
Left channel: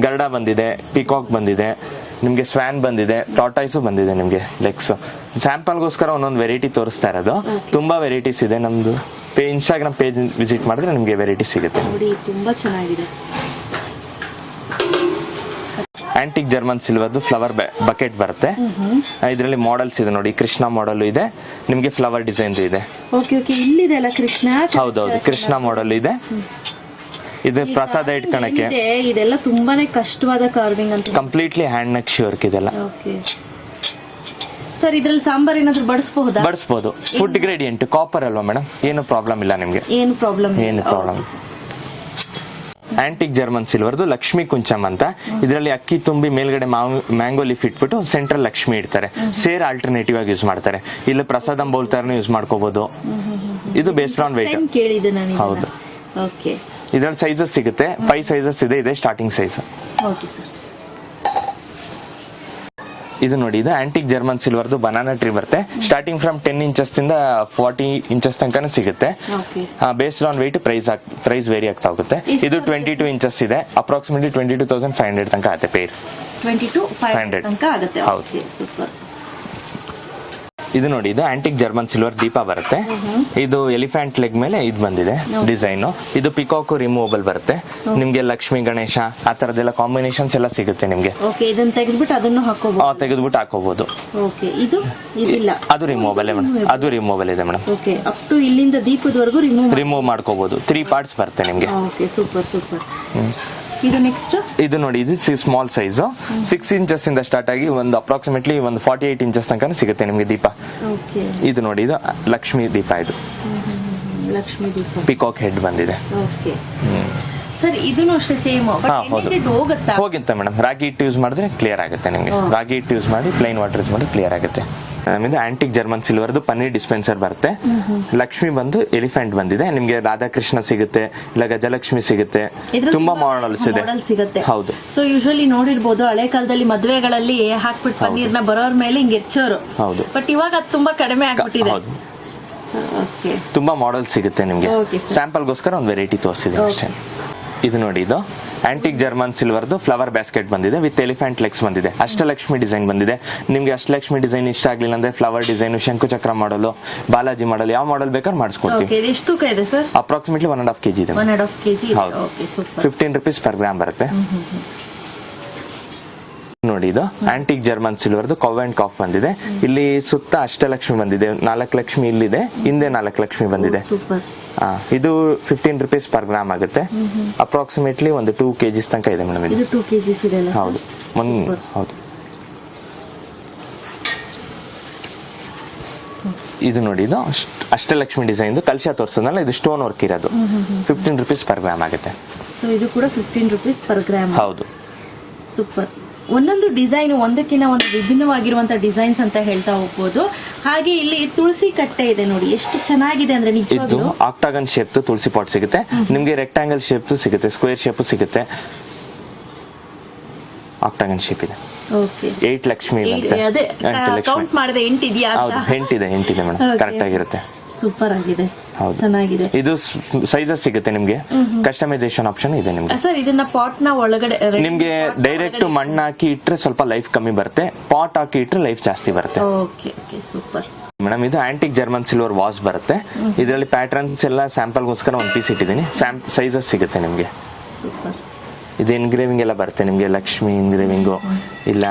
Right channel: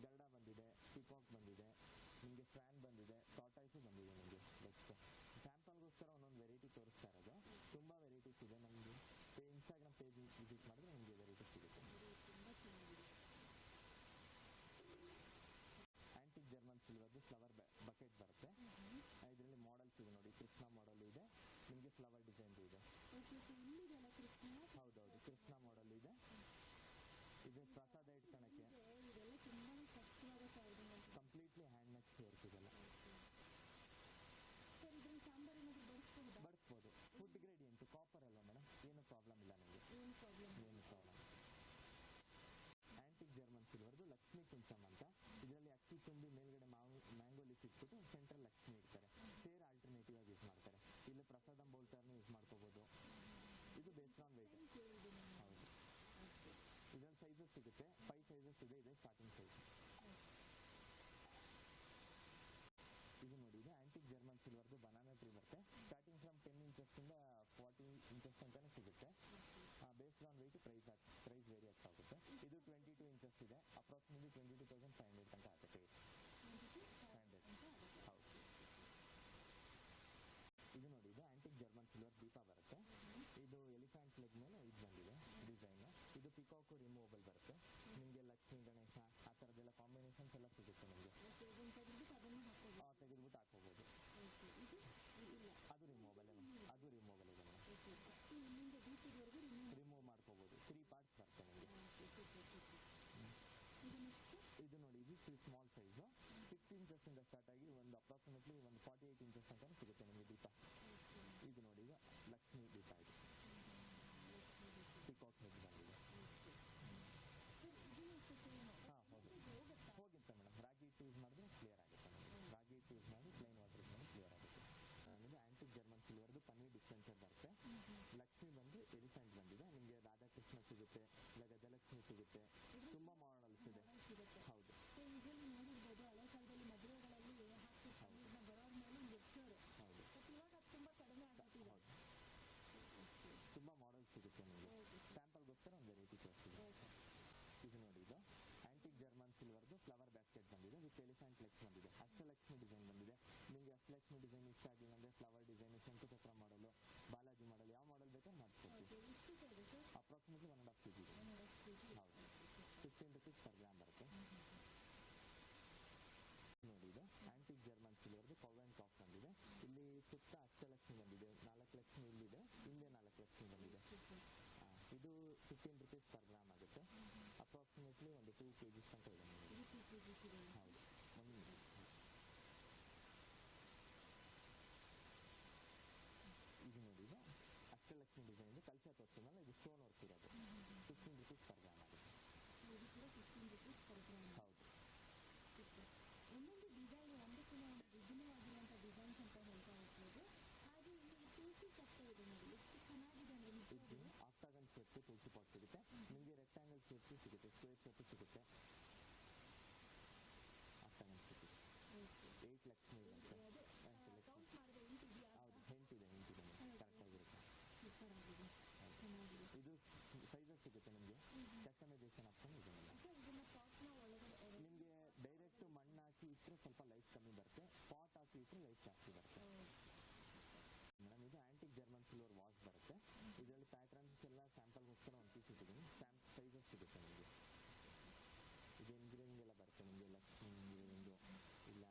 ಗರುಡ ಬಂದಿದೆ, ಪಿಕಾಕ್ ಬಂದಿದೆ ನಿಮ್ಗೆ, ಸ್ವ್ಯಾನ್ ಬಂದಿದೆ, ಟಾಟಾಯ್ಸು ಬಂದಿದೆ ನಿಮ್ಗೆ, ಲೆಗ್ಸ್. ಸ್ಯಾಂಪಲ್ಗೋಸ್ಕರ ಒಂದೊಂದು ವೆರೈಟಿ ತೋರಿಸ್ತಾ ಇರೋದು. ತುಂಬಾ ವೆರೈಟೀಸ್ ಇದೆ. ನಮ್ದು ಇನ್ಸ್ಟಾಗ್ರಾಮ್ ಪೇಜ್ ವಿಸಿಟ್ ಮಾಡಿದ್ರೆ ನಿಮ್ಗೆ ವೆರೈಟಿ ಸಿಗುತ್ತೆ. ತುಂಬಾ ಚೆನ್ನಾಗಿದೆ. ಆಂಟಿಕ್ ಜರ್ಮನ್ ಸಿಲ್ವರ್ದು ಫ್ಲವರ್ ಬಕೆಟ್ ಬರುತ್ತೆ. ಇದರಲ್ಲಿ ಮಾಡೆಲ್ಸ್ ಇದೆ ನೋಡಿ, ಕೃಷ್ಣ ಮಾಡೆಲ್ ಇದೆ ನಿಮ್ಗೆ, ಫ್ಲವರ್ ಡಿಸೈನ್ ಇದೆ. ಕೃಷ್ಣ. ಹೌದೌದು, ಕೃಷ್ಣ ಮಾಡೆಲ್ ಇದೆ. ಇದು ಪ್ರಸಾದ ಇಟ್ಕೊಳಕ್ಕೆ. ಇದೆಲ್ಲ ತುಂಬಾನೇ ಕಷ್ಟವಾದ ಕಾರ್ವಿಂಗ್ ಅಂತ. ಕಂಪ್ಲೀಟ್ಲಿ ಹ್ಯಾಂಡ್ ನಕ್ಷಿ ವರ್ಕ್ ಇದೆಲ್ಲ. ಸರ್, ಇದ್ರಲ್ಲಿ ಸಾಂಬಾರ್ ಏನಾದ್ರು ಬಡಿಸಬಹುದಾ? ಬಡಿಸಬಹುದು. ಫುಡ್ ಗ್ರೇಡಿಯಂಟ್ ಕಾಪರ್ ಅಲ್ವಾ ಮೇಡಮ್, ಏನು ಪ್ರಾಬ್ಲಮ್ ಇಲ್ಲ ನಿಮ್ಗೆ. ಏನು ಪ್ರಾಬ್ಲಮ್? ಆಂಟಿಕ್ ಜರ್ಮನ್ ಸಿಲ್ವರ್ದು ಲಕ್ಷ್ಮಿ ಕುಂಚಮ್ ಅಂತ. ಇದರಲ್ಲಿ ಅಕ್ಕಿ ತುಂಬಿ ಮೇಲ್ಗಡೆ ಮ್ಯಾಂಗೋ ಲೀಫ್ ಇಟ್ಬಿಟ್ಟು ಸೆಂಟ್ರಲ್ ಲಕ್ಷ್ಮಿ ಇಡ್ತಾರೆ. ಸೇರ್ ಆಲ್ಟರ್ನೇಟಿವ್ ಆಗಿ ಯೂಸ್ ಮಾಡ್ತಾರೆ. ಇಲ್ಲ ಪ್ರಸಾದಂ ಬೌಲ್ ತರನು ಯೂಸ್ ಮಾಡ್ಕೋಬಹುದು. ಇದು ಬೇಸ್ಡ್ ಆನ್ weight. ಹೌದು. ಇದರಲ್ಲಿ ಸೈಜಸ್ ಸಿಗುತ್ತೆ. 5 ಸೈಜಸ್ ಇದೆ. ಇದೆ ಸ್ಟಾರ್ಟಿಂಗ್ ಸೈಜ್. ಇದು ನೋಡಿ, ಇದು ಆಂಟಿಕ್ ಜರ್ಮನ್ ಸಿಲ್ವರ್ದು ಬನಾನಾ ಟ್ರೀ ಬರುತ್ತೆ. ಸ್ಟಾರ್ಟಿಂಗ್ ಫ್ರಮ್ 10 ಇಂಚಸ್ ಇಂದ 40 ಇಂಚಸ್ ತನಕ ಸಿಗುತ್ತೆ. Based on weight price vary ಆಗ್ತಾ ಹೋಗುತ್ತೆ. ಇದು 22 ಇಂಚಸ್ ಇದೆ. ಅಪ್ರಾಕ್ಸಿಮೇಟ್ಲಿ 22,500 ತನಕ ಆಗುತ್ತೆ ಪೇರ್. 22,500 ತನಕ ಆಗುತ್ತೆ. ಹೌದು. ಸೂಪರ್. ಇದು ನೋಡಿ, ಇದು ಆಂಟಿಕ್ ಜರ್ಮನ್ ಸಿಲ್ವರ್ ದೀಪ ಬರುತ್ತೆ. ಇದು ಎಲಿಫೆಂಟ್ ಲೆಗ್ ಮೇಲೆ ಇದು ಬಂದಿದೆ ಡಿಸೈನ್. ಇದು ಪಿಕಾಕ್ ರಿಮೂವಬಲ್ ಬರುತ್ತೆ ನಿಮ್ಗೆ. ಲಕ್ಷ್ಮಿ ಗಣೇಶ ಆ ತರದೆಲ್ಲ ಕಾಂಬಿನೇಷನ್ಸ್ ಎಲ್ಲ ಸಿಗುತ್ತೆ ನಿಮ್ಗೆ. ತೆಗೆದ್ಬಿಟ್ಟು ಹಾಕೋಬಹುದು. ಅದು ರಿಮೂವಬಲ್ ಅದು ರಿಮೂವಬಲ್ ಇದೆ ಮೇಡಮ್. ಇಲ್ಲಿಂದ ದೀಪದವರೆಗೂ ರಿಮೂವ್ ಮಾಡ್ಕೋಬಹುದು. 3 ಪಾರ್ಟ್ಸ್ ಬರುತ್ತೆ ನಿಮ್ಗೆ. ಇದು ನೆಕ್ಸ್ಟ್. ಇದು ನೋಡಿ, ಇದು ಸ್ಮಾಲ್ ಸೈಜ್ 6 ಇಂಚಸ್ ಇಂದ ಸ್ಟಾರ್ಟ್ ಆಗಿ ಒಂದು ಅಪ್ರಾಕ್ಸಿಮೇಟ್ಲಿ ಒಂದು 48 ಇಂಚಸ್ ತನಕ ಸಿಗುತ್ತೆ ನಿಮ್ಗೆ ದೀಪ. ಇದು ನೋಡಿ, ಇದು ಲಕ್ಷ್ಮಿ ದೀಪ. ಇದು ಲಕ್ಷ್ಮಿ ದೀಪ ಪಿಕಾಕ್ ಹೆಡ್ ಬಂದಿದೆ. ಸರ್, ಇದನ್ನು ಅಷ್ಟೇ ಸೇಮ್ ಹೋಗಿಂತ ಮೇಡಮ್. ರಾಗಿ ಹಿಟ್ಟು ಯೂಸ್ ಮಾಡಿದ್ರೆ ಕ್ಲಿಯರ್ ಆಗುತ್ತೆ ನಿಮ್ಗೆ. ರಾಗಿ ಹಿಟ್ಟು ಯೂಸ್ ಮಾಡಿ ಪ್ಲೈನ್ ವಾಟರ್ ಯೂಸ್ ಮಾಡಿ ಕ್ಲಿಯರ್ ಆಗುತ್ತೆ. ಆಮೇಲೆ ಆಂಟಿಕ್ ಜರ್ಮನ್ ಸಿಲ್ವರ್ದು ಪನ್ನೀರ್ ಡಿಸ್ಪೆನ್ಸರ್ ಬರುತ್ತೆ. ಲಕ್ಷ್ಮಿ ಬಂದು ಎಲಿಫೆಂಟ್ ಬಂದಿದೆ ನಿಮ್ಗೆ. ರಾಧಾಕೃಷ್ಣ ಸಿಗುತ್ತೆ, ಇಲ್ಲ ಗಜಲಕ್ಷ್ಮಿ ಸಿಗುತ್ತೆ. ತುಂಬಾ ಮಾಡೆಲ್ಸ್ ಇದೆ. ಹೌದು. ಸೊ ಯೂಶುವಲಿ ನೋಡಿರ್ಬೋದು, ಹಳೆ ಕಾಲದಲ್ಲಿ ಮದುವೆಗಳಲ್ಲಿ ಹಾಕ್ಬಿಟ್ಟು ಪನ್ನೀರ್ನ ಬರೋರ್ ಮೇಲೆ ಹಿಂಗೆ ಎಚ್ಚೋರು. ಹೌದು. ಬಟ್ ಇವಾಗ ಅದು ತುಂಬಾ ಕಡಿಮೆ ಆಗ್ಬಿಟ್ಟಿದೆ. ತುಂಬಾ ಮಾಡೆಲ್ಸ್ ಸಿಗುತ್ತೆ ನಿಮ್ಗೆ. ಸ್ಯಾಂಪಲ್ಗೋಸ್ಕರ ಒಂದು ವೆರೈಟಿ ತೋರಿಸಿದೆ ಅಷ್ಟೇ. ಇದು ನೋಡಿ, ಇದು ಆಂಟಿಕ್ ಜರ್ಮನ್ ಸಿಲ್ವರ್ದು ಫ್ಲವರ್ ಬ್ಯಾಸ್ಕೆಟ್ ಬಂದಿದೆ ವಿತ್ ಎಲಿಫೆಂಟ್ ಲೆಗ್ಸ್ ಬಂದಿದೆ. ಅಷ್ಟಲಕ್ಷ್ಮಿ ಡಿಸೈನ್ ಬಂದಿದೆ ನಿಮ್ಗೆ. ಅಷ್ಟಲಕ್ಷ್ಮಿ ಡಿಸೈನ್ ಇಷ್ಟ ಆಗ್ಲಿಲ್ಲ ಅಂದ್ರೆ ಫ್ಲವರ್ ಡಿಸೈನ್, ಶಂಕುಚಕ್ರ ಮಾಡಲು, ಬಾಲಾಜಿ ಮಾಡಲು, ಯಾವ ಮಾಡೆಲ್ ಬೇಕಾದ್ರೆ ಮಾಡಿಸ್ಕೊಡ್ತೀವಿ. ಎಷ್ಟು ತೂಕ ಇದೆ ಸರ್? ಅಪ್ರಾಕ್ಸಿಮೇಟ್ಲಿ 1.5 kg ಇದೆ. 1.5 kg. ಹೌದು. 15 rupees per gram ಬರುತ್ತೆ. ನೋಡಿ, ಇದು ಆಂಟಿಕ್ ಜರ್ಮನ್ ಸಿಲ್ವರ್ದು ಕವ್ ಅಂಡ್ ಕಾಫ್ ಬಂದಿದೆ. ಇಲ್ಲಿ ಸುತ್ತ ಅಷ್ಟಲಕ್ಷ್ಮಿ ಬಂದಿದೆ. 4 ಲಕ್ಷ್ಮಿ ಇಲ್ಲಿದೆ, ಹಿಂದೆ 4 ಲಕ್ಷ್ಮಿ ಬಂದಿದೆ. ಇದು 15 rupees per gram ಆಗುತ್ತೆ. ಅಪ್ರಾಕ್ಸಿಮೇಟ್ಲಿ ಒಂದು 2 kg ತನಕ ಇದೆ ಮೇಡಮ್. ಇದು 2 kg ಇದೆ. ಹೌದು. ಹೌದು. ಇದು ನೋಡಿ, ಇದು ಅಷ್ಟಲಕ್ಷ್ಮಿ ಡಿಸೈನ್ ಕಲಶ ತೋರಿಸೋದಲ್ಲ, ಇದು ಸ್ಟೋನ್ ವರ್ಕ್ ಇರೋದು. 15 rupees per gram ಆಗುತ್ತೆ. ಸೊ ಇದು ಕೂಡ 15 rupees per gram. ಹೌದು. ಸೂಪರ್. ಒಂದೊಂದು ಡಿಸೈನ್ ಒಂದಕ್ಕಿಂತ ಒಂದು ವಿಭಿನ್ನವಾಗಿರುವಂತ ಡಿಸೈನ್ಸ್ ಅಂತ ಹೇಳ್ತಾ ಹೋಗ್ಬೋದು. ಹಾಗೆ ಇಲ್ಲಿ ತುಳಸಿ ಕಟ್ಟೆ ಇದೆ ನೋಡಿ, ಎಷ್ಟು ಚೆನ್ನಾಗಿದೆ ಅಂದ್ರೆ ನಿಜವಾಗ್ಲೂ. ಇದು ಆಕ್ಟಾಗನ್ ಶೇಪ್ ತುಳಸಿ ಪಾಟ್ ಸಿಗುತ್ತೆ ನಿಮ್ಗೆ. ರೆಕ್ಟಾಂಗಲ್ ಶೇಪ್ ಸಿಗುತ್ತೆ, ಸ್ಕ್ವೇರ್ ಶೇಪ್ ಸಿಗುತ್ತೆ. ಆಕ್ಟಾಗನ್ ಶೇಪ್ ಇದೆ. 8 ಲಕ್ಷ್ಮಿ ಅದೇ ಕೌಂಟ್ ಮಾಡಿದೆ 8 ಇದೆಯಾ? ಹೌದು, 8 ಇದೆ ಮೇಡಮ್. ಕರೆಕ್ಟ್ ಆಗಿರುತ್ತೆ. ಸೂಪರ್ ಆಗಿದೆ, ಚೆನ್ನಾಗಿದೆ. ಇದು ಸೈಜಸ್ ಸಿಗುತ್ತೆ ನಿಮ್ಗೆ. ಕಸ್ಟಮೈಸೇಷನ್ ಆಪ್ಷನ್ ಇದೆ ನಿಮ್ಗೆ. ಸರ್, ಇದನ್ನ ಪಾಟ್ ನ ಒಳಗಡೆ ನಿಮ್ಗೆ ಡೈರೆಕ್ಟ್ ಮಣ್ಣು ಹಾಕಿ ಇಟ್ರೆ ಸ್ವಲ್ಪ ಲೈಫ್ ಕಮ್ಮಿ ಬರುತ್ತೆ. ಪಾಟ್ ಹಾಕಿ ಇಟ್ರೆ ಲೈಫ್ ಜಾಸ್ತಿ ಬರುತ್ತೆ. Okay okay, super madam. ಇದು ಆಂಟಿಕ್ ಜರ್ಮನ್ ಸಿಲ್ವರ್ ವಾಸ್ ಬರುತ್ತೆ. ಇದರಲ್ಲಿ ಪ್ಯಾಟರ್ನ್ಸ್ ಎಲ್ಲ ಸ್ಯಾಂಪಲ್ಗೋಸ್ಕರ ಒಂದು ಪೀಸ್ ಇಟ್ಟಿದ್ದೀನಿ. ಸೈಜಸ್ ಸಿಗುತ್ತೆ ನಿಮ್ಗೆ. ಸೂಪರ್. ಇದು ಎನ್ಗ್ರೇವಿಂಗ್ ಎಲ್ಲ ಬರುತ್ತೆ ನಿಮ್ಗೆ. ಲಕ್ಷ್ಮಿ ಎನ್ಗ್ರೇವಿಂಗು, ಇಲ್ಲ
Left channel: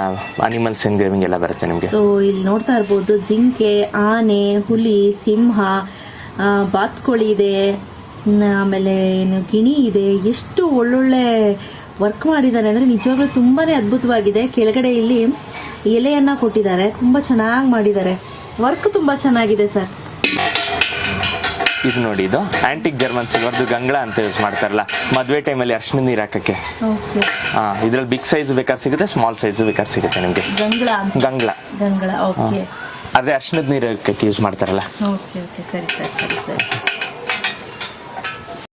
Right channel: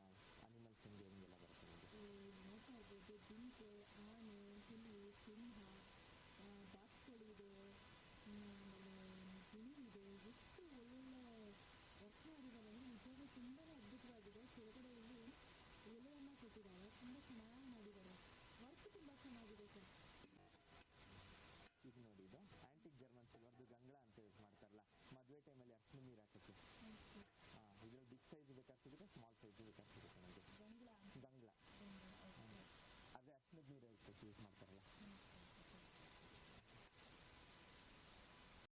ಅನಿಮಲ್ಸ್ ಎನ್ಗ್ರೇವಿಂಗ್ ಎಲ್ಲ ಬರುತ್ತೆ ನಿಮ್ಗೆ. ಸೊ ಇಲ್ಲಿ ನೋಡ್ತಾ ಇರ್ಬೋದು, ಜಿಂಕೆ, ಆನೆ, ಹುಲಿ, ಸಿಂಹ, ಬಾತ್ಕೋಳಿ ಇದೆ, ಆಮೇಲೆ ಏನು ಗಿಣಿ ಇದೆ. ಎಷ್ಟು ಒಳ್ಳೊಳ್ಳೆ ವರ್ಕ್ ಮಾಡಿದ್ದಾರೆ ಅಂದ್ರೆ ನಿಜವಾಗ್ಲೂ ತುಂಬಾನೇ ಅದ್ಭುತವಾಗಿದೆ. ಕೆಳಗಡೆ ಇಲ್ಲಿ ಎಲೆಯನ್ನ ಕೊಟ್ಟಿದ್ದಾರೆ, ತುಂಬಾ ಚೆನ್ನಾಗಿ ಮಾಡಿದ್ದಾರೆ. ವರ್ಕ್ ತುಂಬಾ ಚೆನ್ನಾಗಿದೆ ಸರ್. ಇದು ನೋಡಿ, ಇದು ಆಂಟಿಕ್ ಜರ್ಮನ್ ಸಿಲ್ವರ್ದು ಗಂಗಳ ಅಂತ ಯೂಸ್ ಮಾಡ್ತಾರಲ್ಲ ಮದುವೆ ಟೈಮಲ್ಲಿ ಅರ್ಶಿನ ನೀರು ಹಾಕಕ್ಕೆ. ಇದ್ರಲ್ಲಿ ಬಿಗ್ ಸೈಜ್ ಬೇಕಾದ್ರೆ ಸಿಗುತ್ತೆ, ಸ್ಮಾಲ್ ಸೈಜ್ ಬೇಕಾದ್ರೆ ಸಿಗುತ್ತೆ ನಿಮಗೆ. ಗಂಗಳ ಓಕೆ. ಅದೇ ಅರ್ಶಿನದ ನೀರು ಹಾಕಕ್ಕೆ ಯೂಸ್ ಮಾಡ್ತಾರಲ್ಲ. ಓಕೆ ಓಕೆ, ಸರಿ ಸರ್, ಸರಿ ಸರಿ.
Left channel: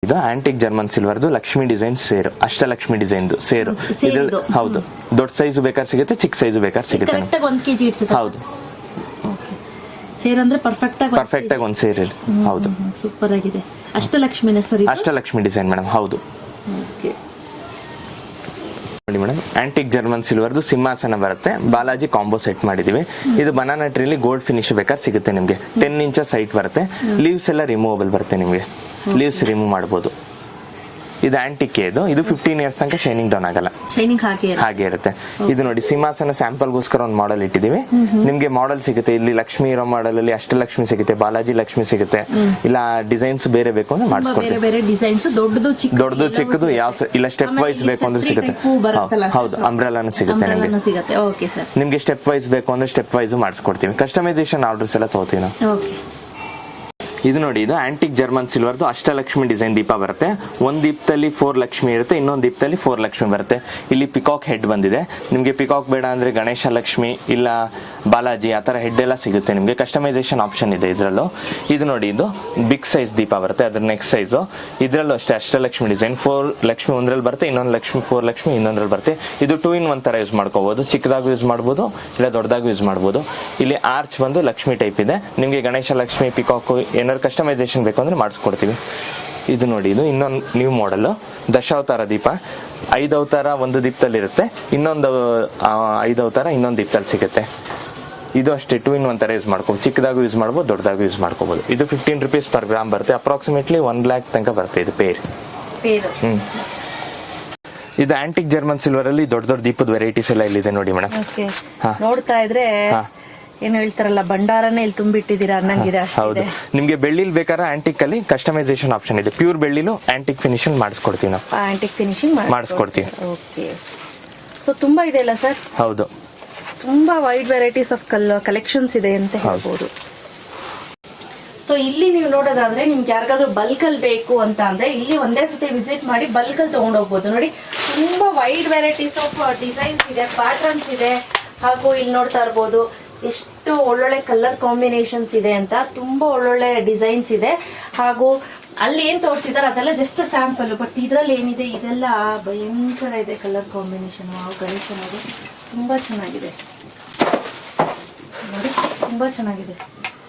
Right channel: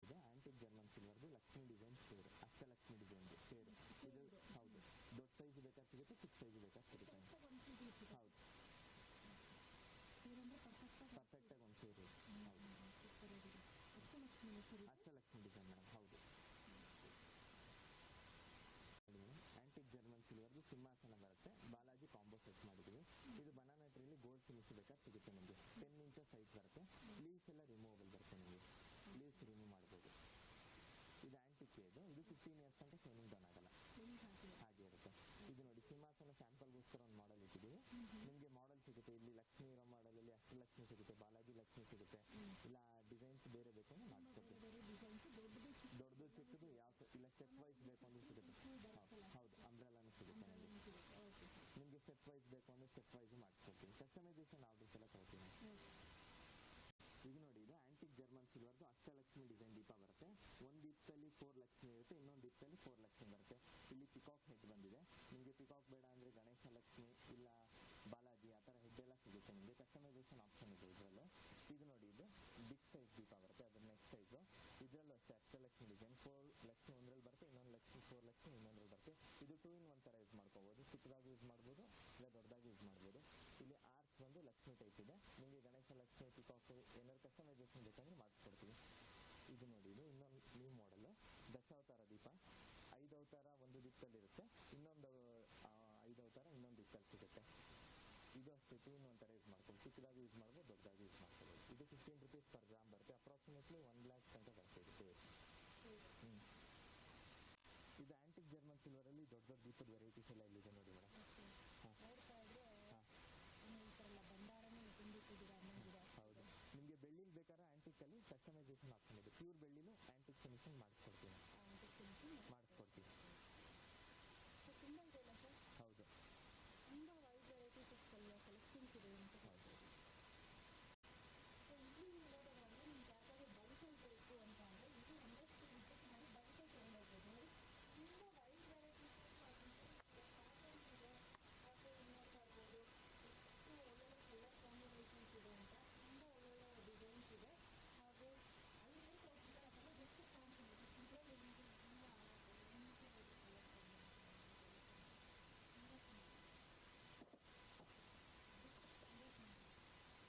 ಇದು ಆಂಟಿಕ್ ಜರ್ಮನ್ ಸಿಲ್ವರ್ದು ಲಕ್ಷ್ಮಿ ಡಿಸೈನ್ ಸೇರು, ಅಷ್ಟಲಕ್ಷ್ಮಿ ಡಿಸೈನ್ದು ಸೇರು. ಇದ್ರಲ್ಲಿ ಹೌದು, ದೊಡ್ಡ ಸೈಜ್ ಬೇಕಾದ್ರೆ ಸಿಗುತ್ತೆ, ಚಿಕ್ಕ ಸೈಜ್ ಬೇಕಾದ್ರೆ ಸಿಗುತ್ತೆ. 1 kg ಇಡ್ಸುತ್ತೆ. ಹೌದು, ಸೇರ್ ಅಂದ್ರೆ ಪರ್ಫೆಕ್ಟ್ ಆಗಿ ಒಂದು ಸೇರ್ ಇರುತ್ತೆ. ಹೌದು, ಸೂಪರ್ ಆಗಿದೆ. ಅಷ್ಟಲಕ್ಷ್ಮಿನ ಸರಿ, ಅಷ್ಟಲಕ್ಷ್ಮಿ ಡಿಸೈನ್ ಮೇಡಮ್. ಹೌದು. ಓಕೆ ನೋಡಿ ಮೇಡಮ್, ಆಂಟಿಕ್ ಜರ್ಮನ್ ಸಿಲ್ವರ್ದು ಸಿಂಹಾಸನ ಬರುತ್ತೆ, ಬಾಲಾಜಿ ಕಾಂಬೋ ಸೆಟ್ ಮಾಡಿದೀವಿ. ಇದು ಬನಾನಾ ಟ್ರೀಲಿ ಗೋಲ್ಡ್ ಫಿನಿಶ್ ಬೇಕಾದ್ರೆ ಸಿಗುತ್ತೆ ನಿಮಗೆ. 10 ಇಂಚಸ್ ಹೈಟ್ ಬರುತ್ತೆ. ಲೀವ್ಸ್ ಎಲ್ಲ ರಿಮೂವಬಲ್ ಬರುತ್ತೆ ನಿಮಗೆ, ಲೀವ್ಸ್ ರಿಮೂವ್ ಮಾಡಬಹುದು. ಇದು ಆಂಟಿಕ್, ಇದು 15 ಇಯರ್ಸ್ ತನಕ ಶೈನಿಂಗ್ ಡೌನ್ ಆಗಲ್ಲ, ಶೈನಿಂಗ್ ಹಾಗೆ ಇರುತ್ತೆ. ಇದು ನೋಡಿ, ಸಿಂಹಾಸನ ಸ್ಯಾಂಪಲ್ಗೋಸ್ಕರ ಒಂದು ಮಾಡೆಲ್ ಇಟ್ಟಿದೀವಿ. ನಿಮ್ಗೆ ಮಾಡೆಲ್ ಸಿಗುತ್ತೆ ಇಲ್ಲಿ. ಲಕ್ಷ್ಮಿ ಇರೋ ಮಾಡೆಲ್ ಅಲ್ಲಿ ಅಷ್ಟಲಕ್ಷ್ಮಿ ಸಿಗುತ್ತೆ, ಬಾಲಾಜಿ ಲಕ್ಷ್ಮಿ ಸಿಗುತ್ತೆ. ಇಲ್ಲ ಡಿಸೈನ್ಸ್ ಬೇರೆ ಬೇಕು ಅಂದ್ರೆ ಮಾಡಿಸ್ಕೊಡ್ತೀವಿ. ಬೇರೆ ಡಿಸೈನ್ಸ್, ದೊಡ್ಡದು ಚಿಕ್ಕದು ಯಾವ ಇಲ್ಲ ಸ್ಟೆಪ್ ವೈಸ್ ಬೇಕು ಅಂದ್ರೆ ಸಿಗುತ್ತೆ. ಹೌದು, ಅಂಬ್ರೆಲಾನು ಸಿಗುತ್ತೆ ನಿಮಗೆ. Okay sir. ನಿಮ್ಗೆ ಸ್ಟೆಪ್ ವೈಸ್ ಬೇಕು ಅಂದ್ರೆ ಸ್ಟೆಪ್ ವೈಸ್ ಮಾಡಿಸ್ಕೊಡ್ತೀವಿ. ಕಸ್ಟಮೈಸೇಷನ್ ಆರ್ಡರ್ಸ್ ಎಲ್ಲ ತಗೋತೀವಿ ನಾವು. ಓಕೆ. ಇದು ನೋಡಿ, ಇದು ಆಂಟಿಕ್ ಜರ್ಮನ್ ಸಿಲ್ವರ್ದು ಅಷ್ಟಲಕ್ಷ್ಮಿ ಡಿಸೈನ್ ದೀಪ ಬರುತ್ತೆ. ಒಂದ್ ದೀಪದಲ್ಲಿ 4 ಲಕ್ಷ್ಮಿ ಇರುತ್ತೆ, ಇನ್ನೊಂದು ದೀಪದಲ್ಲಿ 4 ಲಕ್ಷ್ಮಿ ಬರುತ್ತೆ. ಇಲ್ಲಿ ಪಿಕಾಕ್ ಹೆಡ್ ಬಂದಿದೆ. ನಿಮ್ಗೆ ಪಿಕಾಕ್ ಬೇಡ ಅಂದ್ರೆ ಗಣೇಶ ಲಕ್ಷ್ಮಿ ಇಲ್ಲ ಬಾಲಾಜಿ ಆ ತರ ಹೆಡ್ ಎಲ್ಲ ಸಿಗುತ್ತೆ ನಿಮ್ಗೆ. ಕಸ್ಟಮೈಸೇಷನ್ ಆಪ್ಷನ್ ಇದೆ ಇದರಲ್ಲೂ. ಇದು ನೋಡಿ, ಇದು ಬಿಗ್ ಸೈಜ್ ದೀಪ ಬರುತ್ತೆ, ಅದ್ರ ನೆಕ್ಸ್ಟ್ ಸೈಜ್. ಇದ್ರಲ್ಲೂ ಅಷ್ಟೇ ಅಷ್ಟಲಕ್ಷ್ಮಿ ಡಿಸೈನ್. 4 ಲಕ್ಷ್ಮಿ ಒಂದ್ರಲ್ಲಿ ಬರುತ್ತೆ, ಇನ್ನೊಂದು ಲಕ್ಷ್ಮಿ 4 ಲಕ್ಷ್ಮಿ ಇನ್ನೊಂದ್ರಲ್ಲಿ ಬರುತ್ತೆ. ಇದು 2 in 1 ತರ ಯೂಸ್ ಮಾಡ್ಕೋಬಹುದು. ಚಿಕ್ಕದಾಗೂ ಯೂಸ್ ಮಾಡ್ಬೋದು, ಇಲ್ಲ ದೊಡ್ಡದಾಗೂ ಯೂಸ್ ಮಾಡ್ಬೋದು. ಇಲ್ಲಿ ಆರ್ಚ್ ಬಂದು ಲಕ್ಷ್ಮಿ ಟೈಪ್ ಇದೆ. ನಿಮ್ಗೆ ಗಣೇಶ ಲಕ್ಷ್ಮಿ ಪಿಕಾಕ್ ಏನಾದ್ರು ಕಸ್ಟಮೈಸೇಷನ್ ಬೇಕು ಅಂದ್ರೆ ಮಾಡಿಸ್ಕೊಡ್ತೀವಿ. ಇದು ನೋಡಿ, ಇದು ಇನ್ನೊಂದು ನ್ಯೂ ಮಾಡೆಲ್ ದಶಾವತಾರ ದೀಪ. 5 ಅವತಾರ ಒಂದು ದೀಪದಲ್ಲಿ ಇರುತ್ತೆ, ಇನ್ನೊಂದು 5 ಅವತಾರ ಇನ್ನೊಂದು ದೀಪದಲ್ಲಿ ಸಿಗುತ್ತೆ. ಇದು ಅಷ್ಟೇ 2 in 1 ತರ ಯೂಸ್ ಮಾಡ್ಕೋಬಹುದು. ಚಿಕ್ಕದಾಗೂ ಯೂಸ್ ಮಾಡ್ಬೋದು, ದೊಡ್ಡದಾಗೂ ಯೂಸ್ ಮಾಡ್ಕೋಬಹುದು. ಇದು 15 rupees per gram ಬರುತ್ತೆ. ಅಪ್ರಾಕ್ಸಿಮೇಟ್ಲಿ 1 lakh ತನಕ ಬರುತ್ತೆ ಇದು ಪೇರ್. ಇದು ಆಂಟಿಕ್ ಜರ್ಮನ್ ಸಿಲ್ವರ್ ಅಲ್ಲಿ ದೊಡ್ಡ ದೊಡ್ಡ ದೀಪದ ವೆರೈಟೀಸ್ ಎಲ್ಲ ಇಲ್ಲಿದೆ ನೋಡಿ ಮೇಡಮ್. ನೋಡ್ತಾ ಇದ್ರೆ ಏನು ಹೇಳ್ತಾರಲ್ಲ, ಭಂಡಾರನೇ ಇಲ್ಲಿ ತುಂಬಿಟ್ಟಿದ್ದೀರಾ ಅನ್ನಂಗಿದೆ. ಹೌದು, ನಿಮ್ಗೆ ಬೆಳ್ಳಿಲ್ ಬೇಕಾದ್ರೆ ಆಂಟಿಕ್ ಅಲ್ಲಿ ಕಸ್ಟಮೈಸೇಷನ್ ಆಪ್ಷನ್ ಇದೆ. ಪ್ಯೂರ್ ಬೆಳ್ಳಿಲು ಆಂಟಿಕ್ ಫಿನಿಶಿಂಗ್ ಮಾಡಿಸ್ಕೊಡ್ತೀವಿ ನಾವು. ಆಂಟಿಕ್ ಫಿನಿಶಿಂಗ್ ಮಾಡಿಸ್ಕೊಡ್ತೀವಿ. ಓಕೆ. ಸೊ ತುಂಬಾ ಇದೆ ಅಲ್ಲ ಸರ್? ಹೌದು, ತುಂಬಾ ವೈಡ್ ವೆರೈಟೀಸ್ ಆಫ್ ಕಲೆಕ್ಷನ್ಸ್ ಇದೆ ಅಂತ ಹೇಳ್ಬೋದು. ಸೊ ಇಲ್ಲಿ ನೀವು ನೋಡೋದಾದ್ರೆ ನಿಮ್ಗೆ ಯಾರಿಗಾದ್ರೂ ಬಲ್ಕ್ ಅಲ್ಲಿ ಬೇಕು ಅಂತ ಅಂದ್ರೆ ಇಲ್ಲಿ ಒಂದೇ ಸತಿ ವಿಸಿಟ್ ಮಾಡಿ ಬಲ್ಕ್ ಅಲ್ಲಿ ತಗೊಂಡ್ ಹೋಗ್ಬೋದು. ನೋಡಿ, ತುಂಬಾ ವೈಡ್ ವೆರೈಟೀಸ್ ಆಫ್ ಡಿಸೈನ್ಸ್ ಇದೆ, ಪ್ಯಾಟರ್ನ್ಸ್ ಇದೆ. ಹಾಗೂ ಇಲ್ಲಿ ನೋಡ್ತಾ ಇರ್ಬೋದು ಎಷ್ಟು ಒಳ್ಳೊಳ್ಳೆ ಕಲರ್ ಕಾಂಬಿನೇಷನ್ಸ್ ಇದೆ ಅಂತ. ತುಂಬಾ ಒಳ್ಳೊಳ್ಳೆ ಡಿಸೈನ್ಸ್ ಇದೆ. ಹಾಗೂ ಅಲ್ಲಿ ಏನ್ ತೋರಿಸಿದಾರೆ ಅದೆಲ್ಲ ಜಸ್ಟ್ ಸ್ಯಾಂಪಲ್. ಬಟ್ ಇದ್ರಲ್ಲಿ ಏನಿದೆ ಇದೆಲ್ಲ ಭಯಂಕರ ಇದೆ ಕಲರ್ ಕಾಂಬಿನೇಷನ್. ಗಣೇಶ ನೋಡಿ, ತುಂಬಾ ಚೆನ್ನಾಗಿದೆ ನೋಡಿ, ತುಂಬಾ ಚೆನ್ನಾಗಿದೆ.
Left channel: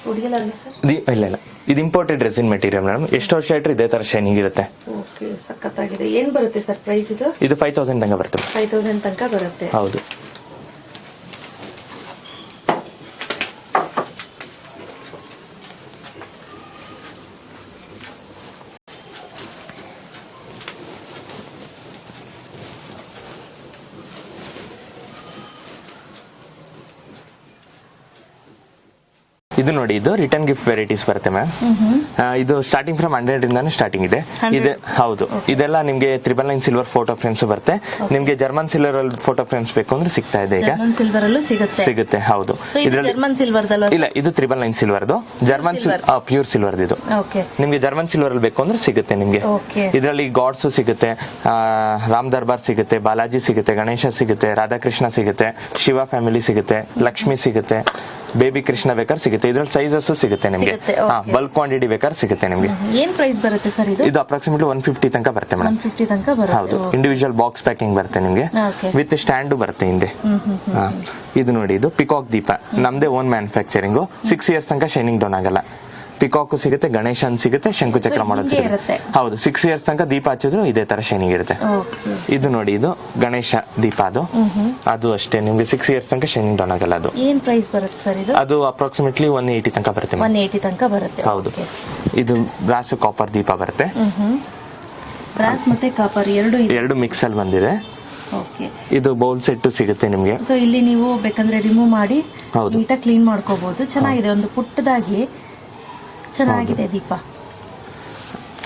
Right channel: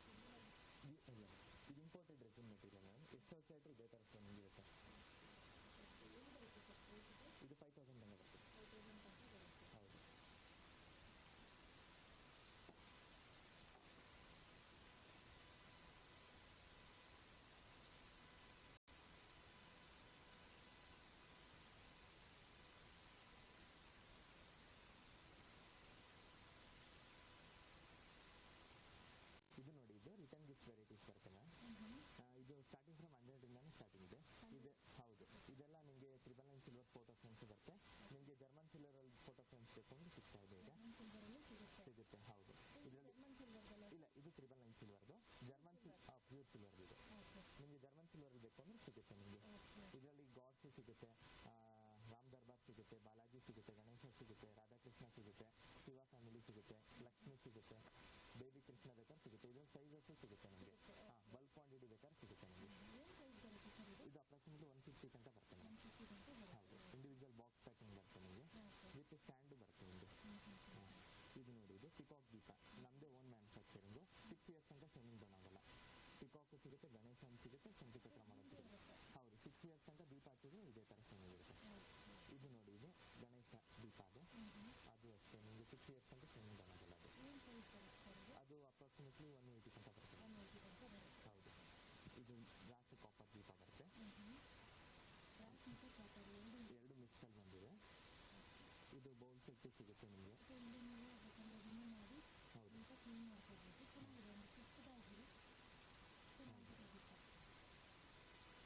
ಹುಡುಗಿಲ್ಲ ಸರ್? ಇಲ್ಲ, ಇದು ಇಂಪೋರ್ಟೆಡ್ ರೆಸಿನ್ ಮೆಟೀರಿಯಲ್ ಮೇಡಮ್. ಎಷ್ಟು ವರ್ಷ ಇಟ್ಟರೆ ಇದೇ ತರ ಶೈನಿಂಗ್ ಇರುತ್ತೆ. ಓಕೆ, ಸಖತ್ತಾಗಿದೆ. ಏನ್ ಬರುತ್ತೆ ಸರ್ ಪ್ರೈಸ್ ಇದು? ಇದು 5000 ತನಕ ಬರುತ್ತೆ. 5000 ತನಕ ಬರುತ್ತೆ. ಹೌದು. ಇದು ನೋಡಿ, ಇದು ರಿಟರ್ನ್ ಗಿಫ್ಟ್ ವೆರೈಟೀಸ್ ಬರುತ್ತೆ ಮ್ಯಾಮ್. ಇದು ಸ್ಟಾರ್ಟಿಂಗ್ ಫ್ರಮ್ 100 ಇಂದಾನು ಸ್ಟಾರ್ಟಿಂಗ್ ಇದೆ. ಇದೆ ಹೌದು. ಇದೆಲ್ಲ ನಿಮ್ಗೆ 999 ಸಿಲ್ವರ್ ಫೋಟೋ ಫ್ರೇಮ್ಸ್ ಬರುತ್ತೆ. ನಿಮ್ಗೆ ಜರ್ಮನ್ ಸಿಲ್ವರ್ ಅಲ್ಲಿ ಫೋಟೋ ಫ್ರೇಮ್ಸ್ ಬೇಕು ಅಂದ್ರೆ ಸಿಗ್ತಾ ಇದೆ ಈಗ. ಸಿಲ್ವರ್ ಅಲ್ಲೂ ಸಿಗುತ್ತೆ. ಹೌದು. ಜರ್ಮನ್ ಸಿಲ್ವರ್ ಇಲ್ಲ, ಇದು 999 ಸಿಲ್ವರ್ದು. ಜರ್ಮನ್ ಪ್ಯೂರ್ ಸಿಲ್ವರ್ ಇದು. ನಿಮ್ಗೆ ಜರ್ಮನ್ ಸಿಲ್ವರ್ ಅಲ್ಲಿ ಬೇಕು ಅಂದ್ರೆ ಸಿಗುತ್ತೆ ನಿಮ್ಗೆ. ಇದರಲ್ಲಿ ಗಾಡ್ಸ್ ಸಿಗುತ್ತೆ, ರಾಮ್ ದರ್ಬಾರ್ ಸಿಗುತ್ತೆ, ಬಾಲಾಜಿ ಸಿಗುತ್ತೆ, ಗಣೇಶ ಸಿಗುತ್ತೆ, ರಾಧಾಕೃಷ್ಣ ಸಿಗುತ್ತೆ, ಶಿವ ಫ್ಯಾಮಿಲಿ ಸಿಗುತ್ತೆ, ಲಕ್ಷ್ಮಿ ಸಿಗುತ್ತೆ, ಬೇಬಿ ಕೃಷ್ಣ ಬೇಕಾದ್ರೆ ಸಿಗುತ್ತೆ. ಇದ್ರಲ್ಲಿ ಸೈಜಸ್ ಸಿಗುತ್ತೆ ನಿಮ್ಗೆ. ಬಲ್ಕ್ ಕ್ವಾಂಟಿಟಿ ಬೇಕಾದ್ರೆ ಸಿಗುತ್ತೆ ನಿಮ್ಗೆ. ಏನ್ ಪ್ರೈಸ್ ಬರುತ್ತೆ ಸರ್ ಇದು? ಇದು ಅಪ್ರಾಕ್ಸಿಮೇಟ್ಲಿ 150 ತನಕ ಬರುತ್ತೆ ಮೇಡಮ್. 150 ತನಕ ಬರುತ್ತೆ. ಹೌದು. ಇಂಡಿವಿಜುವಲ್ ಬಾಕ್ಸ್ ಪ್ಯಾಕಿಂಗ್ ಬರುತ್ತೆ ನಿಮ್ಗೆ, ವಿತ್ ಸ್ಟ್ಯಾಂಡ್ ಬರುತ್ತೆ ಹಿಂದೆ. ಇದು ನೋಡಿ, ಇದು ಪಿಕಾಕ್ ದೀಪ. ನಮ್ದೇ ಓನ್ ಮ್ಯಾನುಫ್ಯಾಕ್ಚರಿಂಗ್. 6 years ತನಕ ಶೈನಿಂಗ್ ಡೌನ್ ಆಗಲ್ಲ. ಪಿಕಾಕ್ ಸಿಗುತ್ತೆ, ಗಣೇಶನ್ ಸಿಗುತ್ತೆ, ಶಂಕುಚಕ್ರ ಮಾಡೋದು ಸಿಗುತ್ತೆ. ಹೌದು, 6 years ತನಕ ದೀಪ ಹಚ್ಚಿದ್ರು ಇದೇ ತರ ಶೈನಿಂಗ್ ಇರುತ್ತೆ. ಇದು ನೋಡಿ, ಇದು ಗಣೇಶ ದೀಪ. ಅದು ಅಷ್ಟೇ ನಿಮ್ಗೆ 6 years ತನಕ ಶೈನಿಂಗ್ ಡೌನ್ ಆಗಲ್ಲ. ಅದು ಏನ್ ಪ್ರೈಸ್ ಬರುತ್ತೆ ಸರ್ ಇದು? ಅದು ಅಪ್ರಾಕ್ಸಿಮೇಟ್ಲಿ 180 ತನಕ ಬರುತ್ತೆ. 180 ತನಕ ಬರುತ್ತೆ. ಹೌದು. ಇದು ಬ್ರಾಸ್ ಕಾಪರ್ ದೀಪ ಬರುತ್ತೆ. ಬ್ರಾಸ್ ಮತ್ತೆ ಕಾಪರ್ ಎರಡು ಮಿಕ್ಸ್ ಅಲ್ಲಿ ಬಂದಿದೆ. ಇದು ಬೌಲ್ ಸೆಟ್ ಸಿಗುತ್ತೆ ನಿಮ್ಗೆ. ಸೊ ಇಲ್ಲಿ ನೀವು ಬೇಕಂದ್ರೆ ರಿಮೂವ್ ಮಾಡಿ ನೀಟಾಗಿ ಕ್ಲೀನ್ ಮಾಡ್ಕೋಬಹುದು. ಚೆನ್ನಾಗಿದೆ, ಒಂದು ಪುಟ್ಟದಾಗಿ ಚೆನ್ನಾಗಿದೆ ದೀಪ.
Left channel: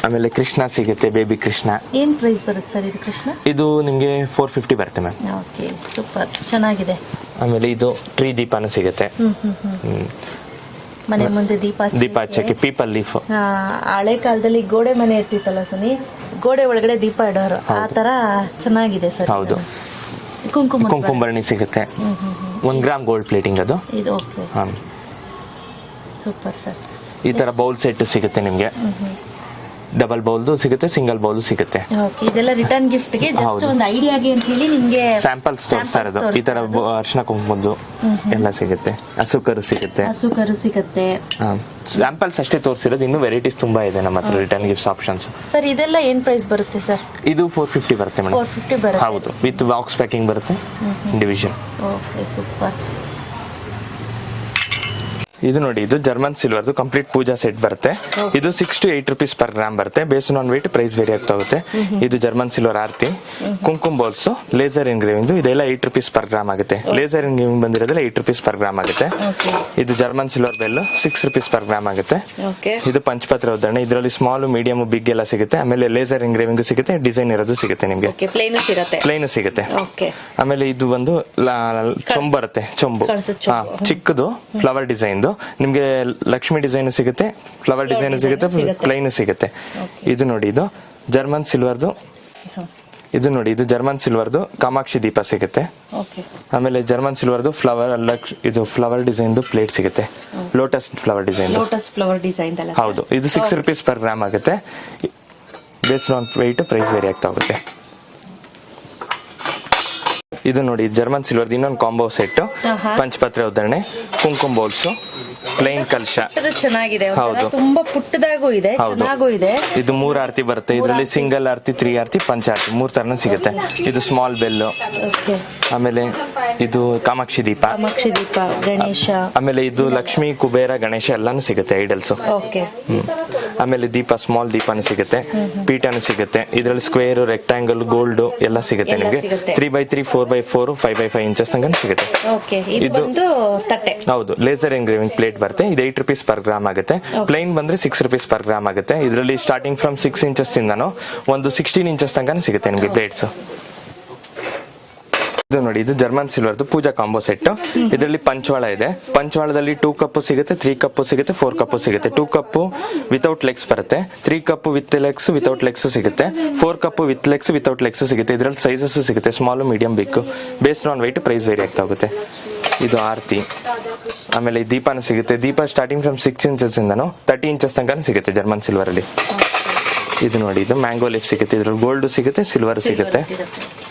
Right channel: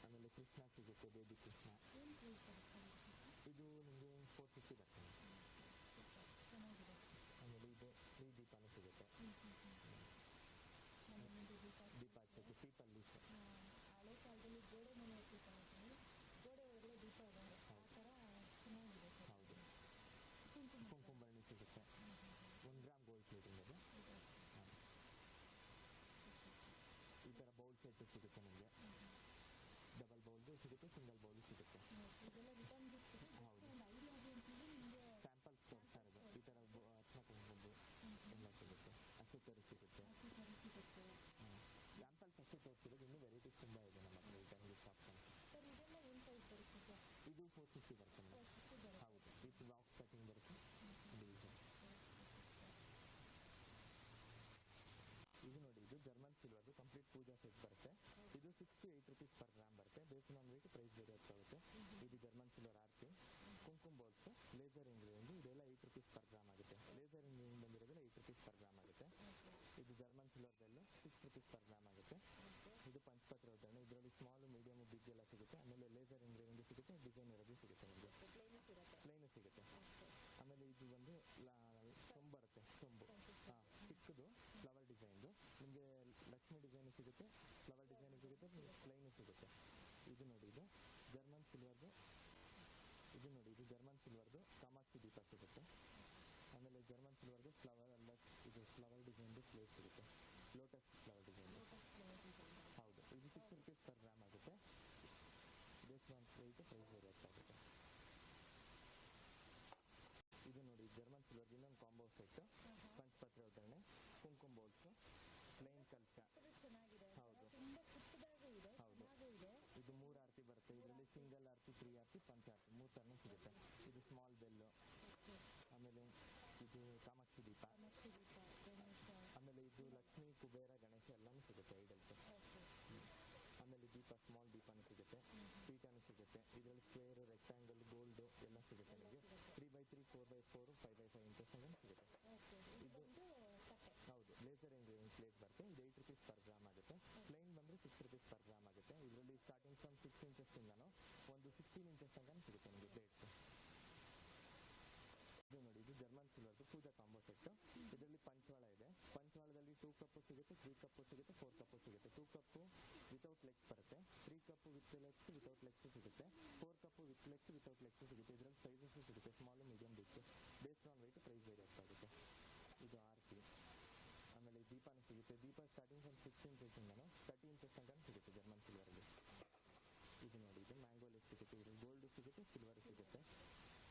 ಆಮೇಲೆ ಕೃಷ್ಣ ಸಿಗುತ್ತೆ, ಬೇಬಿ ಕೃಷ್ಣ. ಏನ್ ಪ್ರೈಸ್ ಬರುತ್ತೆ ಸರ್ ಇದು ಕೃಷ್ಣ? ಇದು ನಿಮಗೆ 450 ಬರುತ್ತೆ ಮ್ಯಾಮ್. ಓಕೆ, ಸೂಪರ್, ಚೆನ್ನಾಗಿದೆ. ಆಮೇಲೆ ಇದು ಟ್ರೀ ದೀಪನೂ ಸಿಗುತ್ತೆ. ಮನೆ ಮುಂದೆ ದೀಪ ಹಚ್ಚಕ್ಕೆ ಪೀಪಲ್ ಲೀಫ್. ಹಳೆ ಕಾಲದಲ್ಲಿ ಗೋಡೆ ಮನೆ ಇರ್ತಿತ್ತಲ್ಲ ಸನಿ, ಗೋಡೆ ಒಳಗಡೆ ದೀಪ ಇಡೋರು, ಆ ತರ ಚೆನ್ನಾಗಿದೆ ಸರ್. ಹೌದು. ಕುಂಕುಂಬರ್ಣಿ ಸಿಗುತ್ತೆ. 1 ಗ್ರಾಮ್ ಗೋಲ್ಡ್ ಪ್ಲೇಟಿಂಗ್ ಅದು. ಇದು ಓಕೆ, ಸೂಪರ್ ಸರ್. ಈ ತರ ಬೌಲ್ ಸೆಟ್ ಸಿಗುತ್ತೆ ನಿಮ್ಗೆ. ಡಬಲ್ ಬೌಲ್ದು ಸಿಗುತ್ತೆ, ಸಿಂಗಲ್ ಬೌಲ್ ಸಿಗುತ್ತೆ. ಓಕೆ, ಇದೆಲ್ಲ ರಿಟರ್ನ್ ಗಿಫ್ಟ್ ಗೆ ಜಸ್ಟ್ ಒಂದು ಐಡಿಯಾಗೆ ಅಂತ ಹೇಳಿ ನಿಮ್ಗೆ ಸ್ಯಾಂಪಲ್ಸ್ ತೋರಿಸ್ತಾ ಇರೋದು. ಈ ತರ ಅರ್ಶನ ಕುಂಕುಮದ್ದು ಎಲ್ಲ ಸಿಗುತ್ತೆ. ಹಸುಕರು ಸಿಗುತ್ತೆ. ಹಸುಕರು ಸಿಗುತ್ತೆ. ಸ್ಯಾಂಪಲ್ಸ್ ಅಷ್ಟೇ ತೋರಿಸಿರೋದು, ಇನ್ನೂ ವೆರೈಟೀಸ್ ತುಂಬಾ ಇದೆ ನಮ್ಮ ಹತ್ರ ರಿಟರ್ನ್ ಗಿಫ್ಟ್ಸ್ ಆಪ್ಷನ್ಸ್. ಸರ್ ಇದೆಲ್ಲ ಏನ್ ಪ್ರೈಸ್ ಬರುತ್ತೆ ಸರ್? ಇದು 450 ಬರುತ್ತೆ ಮೇಡಮ್. 450 ಬರುತ್ತೆ. ಹೌದು, ವಿತ್ ಬಾಕ್ಸ್ ಪ್ಯಾಕಿಂಗ್ ಬರುತ್ತೆ, ಡಿವಿಷನ್. Okay, super. ಇದು ನೋಡಿ, ಇದು ಜರ್ಮನ್ ಸಿಲ್ವರ್ದು ಕಂಪ್ಲೀಟ್ ಪೂಜಾ ಸೆಟ್ ಬರುತ್ತೆ. ಇದು 6 to 8 rupees per ಗ್ರಾಮ್ ಬರುತ್ತೆ. Based on weight price vary ಆಗ್ತಾ ಹೋಗುತ್ತೆ. ಇದು German silver aarti, kumkum bowls, laser engraving, ಇದೆಲ್ಲ 8 rupees per ಗ್ರಾಮ್ ಆಗುತ್ತೆ. ಲೇಸರ್ ಎನ್ಗ್ರೇವಿಂಗ್ ಬಂದಿರೋದ್ರಲ್ಲಿ 8 rupees per ಗ್ರಾಮ್ ಆಗುತ್ತೆ. ಇದು German silver bell 6 rupees per gram ಆಗುತ್ತೆ. ಇದು ಪಂಚಪತ್ರ ಉದ್ದರಣೆ, ಇದರಲ್ಲಿ ಸ್ಮಾಲ್, ಮೀಡಿಯಂ, ಬಿಗ್ ಎಲ್ಲ ಸಿಗುತ್ತೆ. ಆಮೇಲೆ ಲೇಸರ್ ಎನ್ಗ್ರೇವಿಂಗ್ ಸಿಗುತ್ತೆ, ಡಿಸೈನ್ ಇರೋದು ಸಿಗುತ್ತೆ ನಿಮಗೆ. ಪ್ಲೇನ್ ಸಿಗುತ್ತೆ. ಆಮೇಲೆ ಇದು ಒಂದು ಚೊಂಬು ಬರುತ್ತೆ, ಚೊಂಬು ಚಿಕ್ಕದು ಫ್ಲವರ್ ಡಿಸೈನ್. ನಿಮ್ಗೆ ಲಕ್ಷ್ಮಿ ಡಿಸೈನ್ ಸಿಗುತ್ತೆ, ಫ್ಲವರ್ ಡಿಸೈನ್ ಸಿಗುತ್ತೆ, ಪ್ಲೈನ್ ಸಿಗುತ್ತೆ. ಇದು ನೋಡಿ, ಇದು ಜರ್ಮನ್ ಸಿಲ್ವರ್ದು. ಇದು ನೋಡಿ, ಇದು ಜರ್ಮನ್ ಸಿಲ್ವರ್ದು ಕಾಮಾಕ್ಷಿ ದೀಪ ಸಿಗುತ್ತೆ. ಆಮೇಲೆ ಜರ್ಮನ್ ಸಿಲ್ವರ್ದು ಫ್ಲವರ್, ಇದು ಫ್ಲವರ್ ಡಿಸೈನ್ ಪ್ಲೇಟ್ ಸಿಗುತ್ತೆ, ಲೋಟಸ್ ಫ್ಲವರ್ ಡಿಸೈನ್. ಹೌದು, ಇದು 6 rupees per ಗ್ರಾಮ್ ಆಗುತ್ತೆ. Based on weight price vary ಆಗ್ತಾ ಹೋಗುತ್ತೆ. ಇದು ನೋಡಿ, ಜರ್ಮನ್ ಸಿಲ್ವರ್ದು ಇನ್ನೊಂದು ಕಾಂಬೋ ಸೆಟ್, ಪಂಚಪತ್ರ ಉದ್ದರಣೆ, ಕುಂಕುಮ್ ಬೌಲ್ಸ್, ಪ್ಲೈನ್ ಕಲಶ. ಚೆನ್ನಾಗಿದೆ, ಹೌದು, ತುಂಬಾ ಪುಟ್ಟದಾಗೂ ಇದೆ, ಚೆನ್ನಾಗೂ ಇದೆ. ಇದು 3 ಆರತಿ ಬರುತ್ತೆ. ಇದರಲ್ಲಿ ಸಿಂಗಲ್ ಆರತಿ, 3 ಆರತಿ, ಪಂಚ ಆರತಿ, 3 ತರನ ಸಿಗುತ್ತೆ. ಇದು ಸ್ಮಾಲ್ ಬೆಲ್. ಆಮೇಲೆ ಇದು ಕಾಮಾಕ್ಷಿ ದೀಪ, ಗಣೇಶ. ಆಮೇಲೆ ಇದು ಲಕ್ಷ್ಮಿ, ಕುಬೇರ, ಗಣೇಶ ಎಲ್ಲಾನು ಸಿಗುತ್ತೆ, ಐಡಲ್ಸ್. ಆಮೇಲೆ ದೀಪ, ಸ್ಮಾಲ್ ದೀಪನೂ ಸಿಗುತ್ತೆ, ಪೀಠನೂ ಸಿಗುತ್ತೆ. ಇದರಲ್ಲಿ ಸ್ಕ್ವೇರ್, ರೆಕ್ಟಾಂಗಲ್, ಗೋಲ್ಡ್ ಎಲ್ಲ ಸಿಗುತ್ತೆ ನಿಮಗೆ. 3x3, 4x4, 5x5 ಇಂಚಸ್ ತನಕ ಸಿಗುತ್ತೆ. ಇದು ಹೌದು, ಲೇಸರ್ ಎಂಗ್ರೇವಿಂಗ್ ಪ್ಲೇಟ್ ಬರುತ್ತೆ. ಇದು 8 rupees per ಗ್ರಾಮ್ ಆಗುತ್ತೆ. ಪ್ಲೈನ್ ಬಂದ್ರೆ 6 rupees per ಗ್ರಾಮ್ ಆಗುತ್ತೆ. ಇದರಲ್ಲಿ ಸ್ಟಾರ್ಟಿಂಗ್ ಫ್ರಮ್ 6 ಇಂಚಸ್ ಇಂದಾನು ಒಂದು 16 ಇಂಚಸ್ ತನಕ ಸಿಗುತ್ತೆ ನಿಮಗೆ ಪ್ಲೇಟ್ಸ್. ಇದು ನೋಡಿ, ಇದು ಜರ್ಮನ್ ಸಿಲ್ವರ್ದು ಪೂಜಾ ಕಾಂಬೋ ಸೆಟ್. ಇದರಲ್ಲಿ ಪಂಚವಾಳ ಇದೆ. ಪಂಚವಾಳದಲ್ಲಿ 2 ಕಪ್ ಸಿಗುತ್ತೆ, 3 ಕಪ್ ಸಿಗುತ್ತೆ, 4 ಕಪ್ ಸಿಗುತ್ತೆ. 2 ಕಪ್ ವಿತೌಟ್ ಲೆಗ್ಸ್ ಬರುತ್ತೆ, 3 cup with legs, without legs ಸಿಗುತ್ತೆ, 4 cup with legs, without legs ಸಿಗುತ್ತೆ. ಇದರಲ್ಲಿ ಸೈಜಸ್ ಸಿಗುತ್ತೆ, small, medium, big. Based on weight price vary ಆಗ್ತಾ ಹೋಗುತ್ತೆ. ಇದು ಆರತಿ. ಆಮೇಲೆ ದೀಪನೂ ಸಿಗುತ್ತೆ. ದೀಪ ಸ್ಟಾರ್ಟಿಂಗ್ ಫ್ರಮ್ 6 ಇಂಚಸ್ ಇಂದನು 30 ಇಂಚಸ್ ತನಕ ಸಿಗುತ್ತೆ ಜರ್ಮನ್ ಸಿಲ್ವರ್ ಅಲ್ಲಿ. ಇದು ನೋಡಿ, ಇದು ಮ್ಯಾಂಗೋ ಲೀಫ್ ಸಿಗುತ್ತೆ. ಇದ್ರಲ್ಲಿ ಗೋಲ್ಡ್ ಸಿಗುತ್ತೆ, ಸಿಲ್ವರ್ ಸಿಗುತ್ತೆ.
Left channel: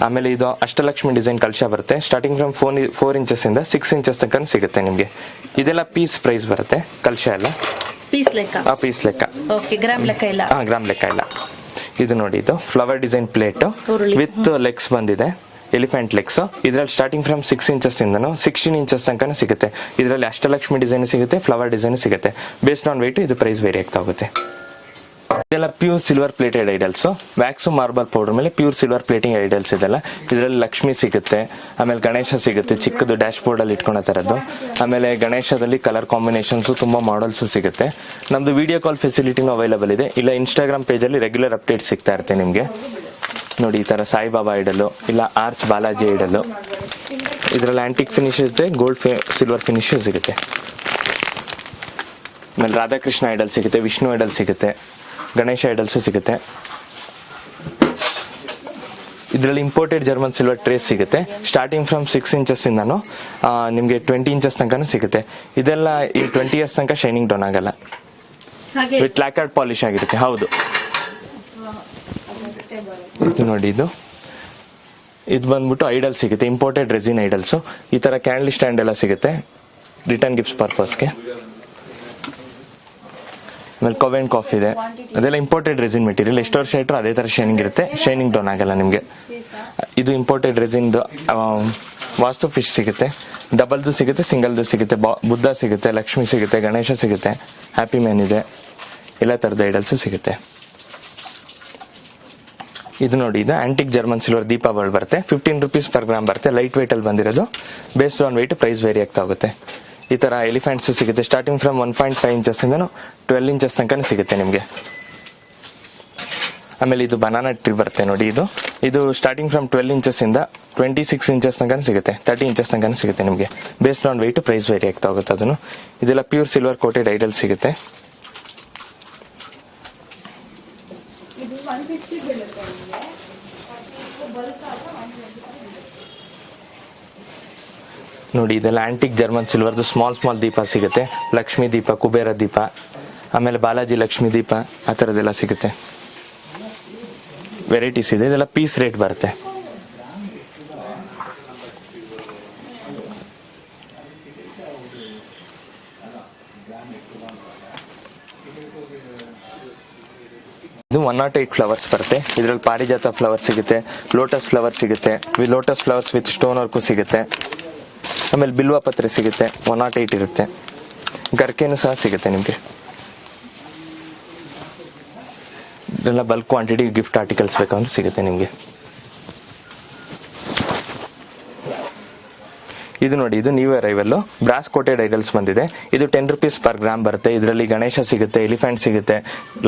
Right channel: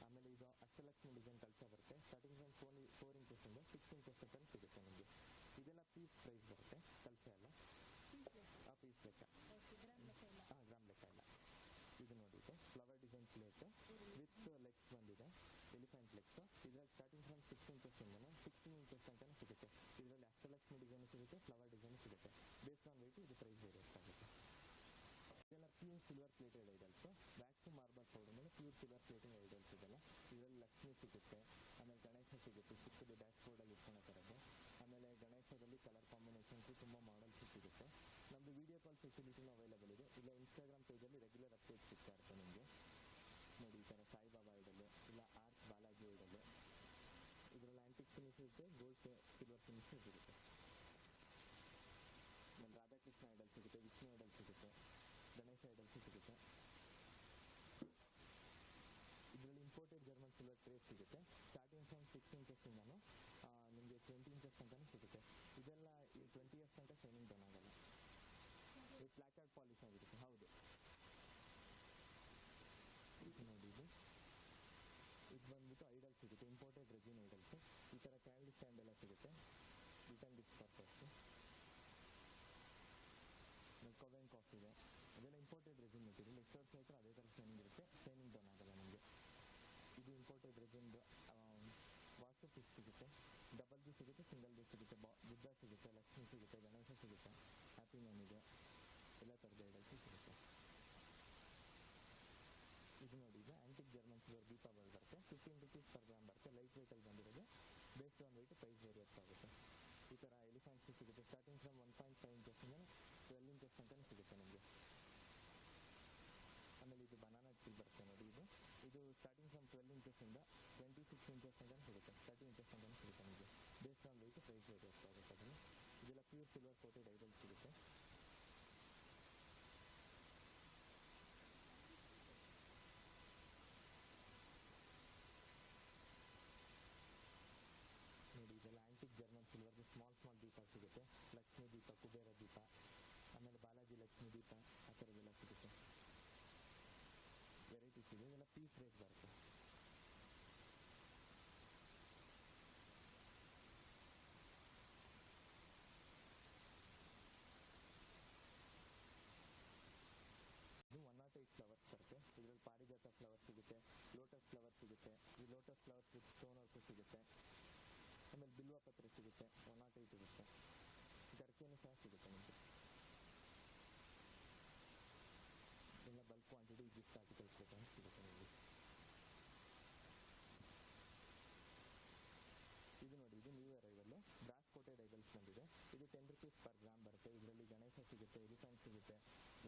ಆಮೇಲೆ ಇದು ಅಷ್ಟಲಕ್ಷ್ಮಿ ಡಿಸೈನ್ ಕಲಶ ಬರುತ್ತೆ. ಸ್ಟಾರ್ಟಿಂಗ್ ಫ್ರಮ್ 4 ಇಂಚಸ್ ಇಂದ 6 ಇಂಚಸ್ ತನಕ ಸಿಗುತ್ತೆ ನಿಮ್ಗೆ. ಇದೆಲ್ಲ ಪೀಸ್ ಪ್ರೈಸ್ ಬರುತ್ತೆ, ಕಲಶ ಎಲ್ಲ ಪೀಸ್ ಲೆಕ್ಕ. ಗ್ರಾಮ್ ಲೆಕ್ಕ ಇಲ್ಲ. ಇದು ನೋಡಿ, ಇದು flower design plate with legs ಬಂದಿದೆ, ಎಲಿಫೆಂಟ್ ಲೆಗ್ಸ್. ಇದರಲ್ಲಿ ಸ್ಟಾರ್ಟಿಂಗ್ ಫ್ರಮ್ 6 ಇಂಚಸ್ ಇಂದನು 16 ಇಂಚಸ್ ತನಕ ಸಿಗುತ್ತೆ. ಇದರಲ್ಲಿ ಅಷ್ಟಲಕ್ಷ್ಮಿ ಡಿಸೈನ್ ಸಿಗುತ್ತೆ, ಫ್ಲವರ್ ಡಿಸೈನ್ ಸಿಗುತ್ತೆ. ಬೇಸ್ಡ್ ಆನ್ ವೆಯ್ಟ್ ಇದು ಪ್ರೈಸ್ ವೇರಿ ಆಗ್ತಾ ಹೋಗುತ್ತೆ. ಇದೆಲ್ಲ pure silver plated idols. Wax, marble powder ಮೇಲೆ ಪ್ಯೂರ್ ಸಿಲ್ವರ್ ಪ್ಲೇಟಿಂಗ್ ಐಡಲ್ಸ್ ಇದೆಲ್ಲ. ಇದರಲ್ಲಿ ಲಕ್ಷ್ಮಿ ಸಿಗುತ್ತೆ, ಆಮೇಲೆ ಗಣೇಶ ಸಿಗುತ್ತೆ, ಚಿಕ್ಕದು ಡ್ಯಾಶ್ ಬೋರ್ಡ್ ಅಲ್ಲಿ ಇಟ್ಕೊಳೋ ತರದ್ದು. ಆಮೇಲೆ ಗಣೇಶದಲ್ಲಿ ಕಲರ್ ಕಾಂಬಿನೇಷನ್ಸ್ ತುಂಬಾ ಮಾಡಲ್ಸ್ ಸಿಗುತ್ತೆ. ನಮ್ದು ವಿಡಿಯೋ ಕಾಲ್ ಫೆಸಿಲಿಟಿನೂ ಅವೈಲೇಬಲ್ ಇದೆ. ಇಲ್ಲ ಇನ್ಸ್ಟಾಗ್ರಾಮ್ ಪೇಜ್ ಅಲ್ಲಿ ರೆಗ್ಯುಲರ್ ಅಪ್ಡೇಟ್ ಸಿಗ್ತಾ ಇರುತ್ತೆ ನಿಮ್ಗೆ. ನೋಡಿ, ಈ ತರ ಸಾಯಿಬಾಬಾ ಐಡಲ್ಲು, ಇಲ್ಲ ಆರ್ಚ್ ಬಾಲಾಜಿ ಐಡಲ್ಲು. ಇದರಲ್ಲಿ ಆಂಟಿಕ್ ಫಿನಿಶ್ ಇದೆ, ಗೋಲ್ಡ್ ಸಿಲ್ವರ್ ಫಿನಿಶ್ ಸಿಗುತ್ತೆ. ಆಮೇಲೆ ರಾಧಾಕೃಷ್ಣ ಐಡಲ್ ಸಿಗುತ್ತೆ, ವಿಷ್ಣು ಐಡಲ್ ಸಿಗುತ್ತೆ, ಗಣೇಶ ಐಡಲ್ಸ್ ಸಿಗುತ್ತೆ. ಇದರಲ್ಲಿ ಇಂಪೋರ್ಟೆಡ್ ಜರ್ಮನ್ ಸಿಲ್ವರ್ ಟ್ರೇಸ್ ಸಿಗುತ್ತೆ. ಸ್ಟಾರ್ಟಿಂಗ್ ಫ್ರಮ್ 6 ಇಂಚಸ್ ಇಂದಾನು ನಿಮಗೆ 20 ಇಂಚಸ್ ತನಕ ಸಿಗುತ್ತೆ. ಇದೆಲ್ಲ ಈ 20 years ತನಕ ಶೈನಿಂಗ್ ಡೌನ್ ಆಗಲ್ಲ, ವಿತ್ ಲ್ಯಾಕರ್ಡ್ ಪಾಲಿಶ್ ಆಗಿರುತ್ತೆ. ಹೌದು, ಇದು ನೋಡಿ, ಇದು ಬಂದ್ಬಿಟ್ಟು ಐಡಲ್ ಸಿಗುತ್ತೆ, ಇಂಪೋರ್ಟೆಡ್ ರೆಸಿನ್ ಐಡಲ್ಸ್. ಈ ತರ ಕ್ಯಾಂಡಲ್ ಸ್ಟ್ಯಾಂಡ್ ಎಲ್ಲ ಸಿಗುತ್ತೆ ರಿಟರ್ನ್ ಗಿಫ್ಟ್ಸ್ ಪರ್ಪಸ್ಗೆ. ಆಮೇಲೆ ಕವೆನ್ ಕಾಫಿ ಇದೆ, ಅದೆಲ್ಲ ಇಂಪೋರ್ಟೆಡ್ ರೆಸಿನ್ ಮೆಟೀರಿಯಲ್. ಎಷ್ಟು ವರ್ಷ ಇಟ್ಟರು ಅದೇ ತರ ಶೈನಿಂಗ್ ಇರುತ್ತೆ, ಶೈನಿಂಗ್ ಡೌನ್ ಆಗಲ್ಲ ನಿಮಗೆ. ಇದು ಇಂಪೋರ್ಟೆಡ್ ರೆಸಿನ್ ವಾಸ್ತು ಫಿಶ್ ಸಿಗುತ್ತೆ, ಡಬಲ್ದು ಸಿಗುತ್ತೆ, ಸಿಂಗಲ್ದು ಸಿಗುತ್ತೆ, ಬುದ್ಧ ಸಿಗುತ್ತೆ, ಲಕ್ಷ್ಮಿ ಸಿಗುತ್ತೆ, ಗಣೇಶ ಸಿಗುತ್ತೆ, ಹ್ಯಾಪಿ ಮ್ಯಾನ್ ಇದೆ, ಎಲ್ಲ ತರದ ಐಡಲ್ಸ್ ಸಿಗುತ್ತೆ. ಇದು ನೋಡಿ, ಇದು ಆಂಟಿಕ್ ಜರ್ಮನ್ ಸಿಲ್ವರ್ ದೀಪ ಬಲ್ಬ್ ಬರುತ್ತೆ. 15 rupees per ಗ್ರಾಮ್ ಬರುತ್ತೆ, ಲೈಟ್ ವೇಟ್ ಅಲ್ಲಿ ಬಂದಿರೋದು. Based on weight price vary ಆಗ್ತಾ ಹೋಗುತ್ತೆ. ಈ ತರ ಎಲಿಫೆಂಟ್ಸ್ ಸಿಗುತ್ತೆ. ಸ್ಟಾರ್ಟಿಂಗ್ ಫ್ರಮ್ 1.5 ಇಂಚಸ್ ಇಂದ 12 ಇಂಚಸ್ ತನಕ ಸಿಗುತ್ತೆ ನಿಮಗೆ. ಆಮೇಲೆ ಇದು ಬನಾನಾ ಟ್ರೀ ಬರುತ್ತೆ ನೋಡಿ, ಇದು ಸ್ಟಾರ್ಟಿಂಗ್ ಫ್ರಮ್ 12 ಇಂಚಸ್ ಇಂದ 26 ಇಂಚಸ್ ತನಕ ಸಿಗುತ್ತೆ, 30 ಇಂಚಸ್ ತನಕ ಸಿಗುತ್ತೆ ನಿಮಗೆ. Based on weight price vary ಆಗ್ತಾ ಹೋಗುತ್ತೆ ಅದನ್ನು. ಇದೆಲ್ಲ ಪ್ಯೂರ್ ಸಿಲ್ವರ್ ಕೋಟೆಡ್ ಐಡಲ್ ಸಿಗುತ್ತೆ. ನೋಡಿ ಇದೆಲ್ಲ ಆಂಟಿಕ್ ಜರ್ಮನ್ ಸಿಲ್ವರ್ದು ಸ್ಮಾಲ್ ದೀಪ ಸಿಗುತ್ತೆ. ಲಕ್ಷ್ಮೀ ದೀಪ, ಕುಬೇರ ದೀಪ, ಆಮೇಲೆ ಬಾಲಾಜಿ ಲಕ್ಷ್ಮೀ ದೀಪ, ಆ ಥರದ್ದೆಲ್ಲ ಸಿಗುತ್ತೆ. ವೆರೈಟೀಸ್ ಇದೆ. ಇದೆಲ್ಲ ಪೀಸ್ ರೇಟ್ ಬರುತ್ತೆ. ಇದು 108 ಫ್ಲವರ್ಸ್ ಬರುತ್ತೆ. ಇದರಲ್ಲಿ ಪಾರಿಜಾತ ಫ್ಲವರ್ ಸಿಗುತ್ತೆ, ಲೋಟಸ್ ಫ್ಲವರ್ ಸಿಗುತ್ತೆ, lotus flowers with stone work ಸಿಗುತ್ತೆ. ಆಮೇಲೆ ಬಿಲ್ವ ಪತ್ರೆ ಸಿಗುತ್ತೆ, 108 ಇರುತ್ತೆ. ಗರ್ಕೆನೂ ಸಹ ಸಿಗುತ್ತೆ ನಿಮಗೆ. ಇದೆಲ್ಲ ಬಲ್ಕ್ ಕ್ವಾಂಟಿಟಿ ಗಿಫ್ಟ್ ಆರ್ಟಿಕಲ್ಸ್ ಬೇಕಂದ್ರೆ ಸಿಗುತ್ತೆ ನಿಮಗೆ. ಇದು ನೋಡಿ, ಇದು new arrival brass coated idols ಬಂದಿದೆ. ಇದು 10 rupees ಪರ್ ಗ್ರಾಮ್ ಬರುತ್ತೆ. ಇದರಲ್ಲಿ ಗಣೇಶ ಸಿಗುತ್ತೆ, ಎಲಿಫೆಂಟ್ ಸಿಗುತ್ತೆ,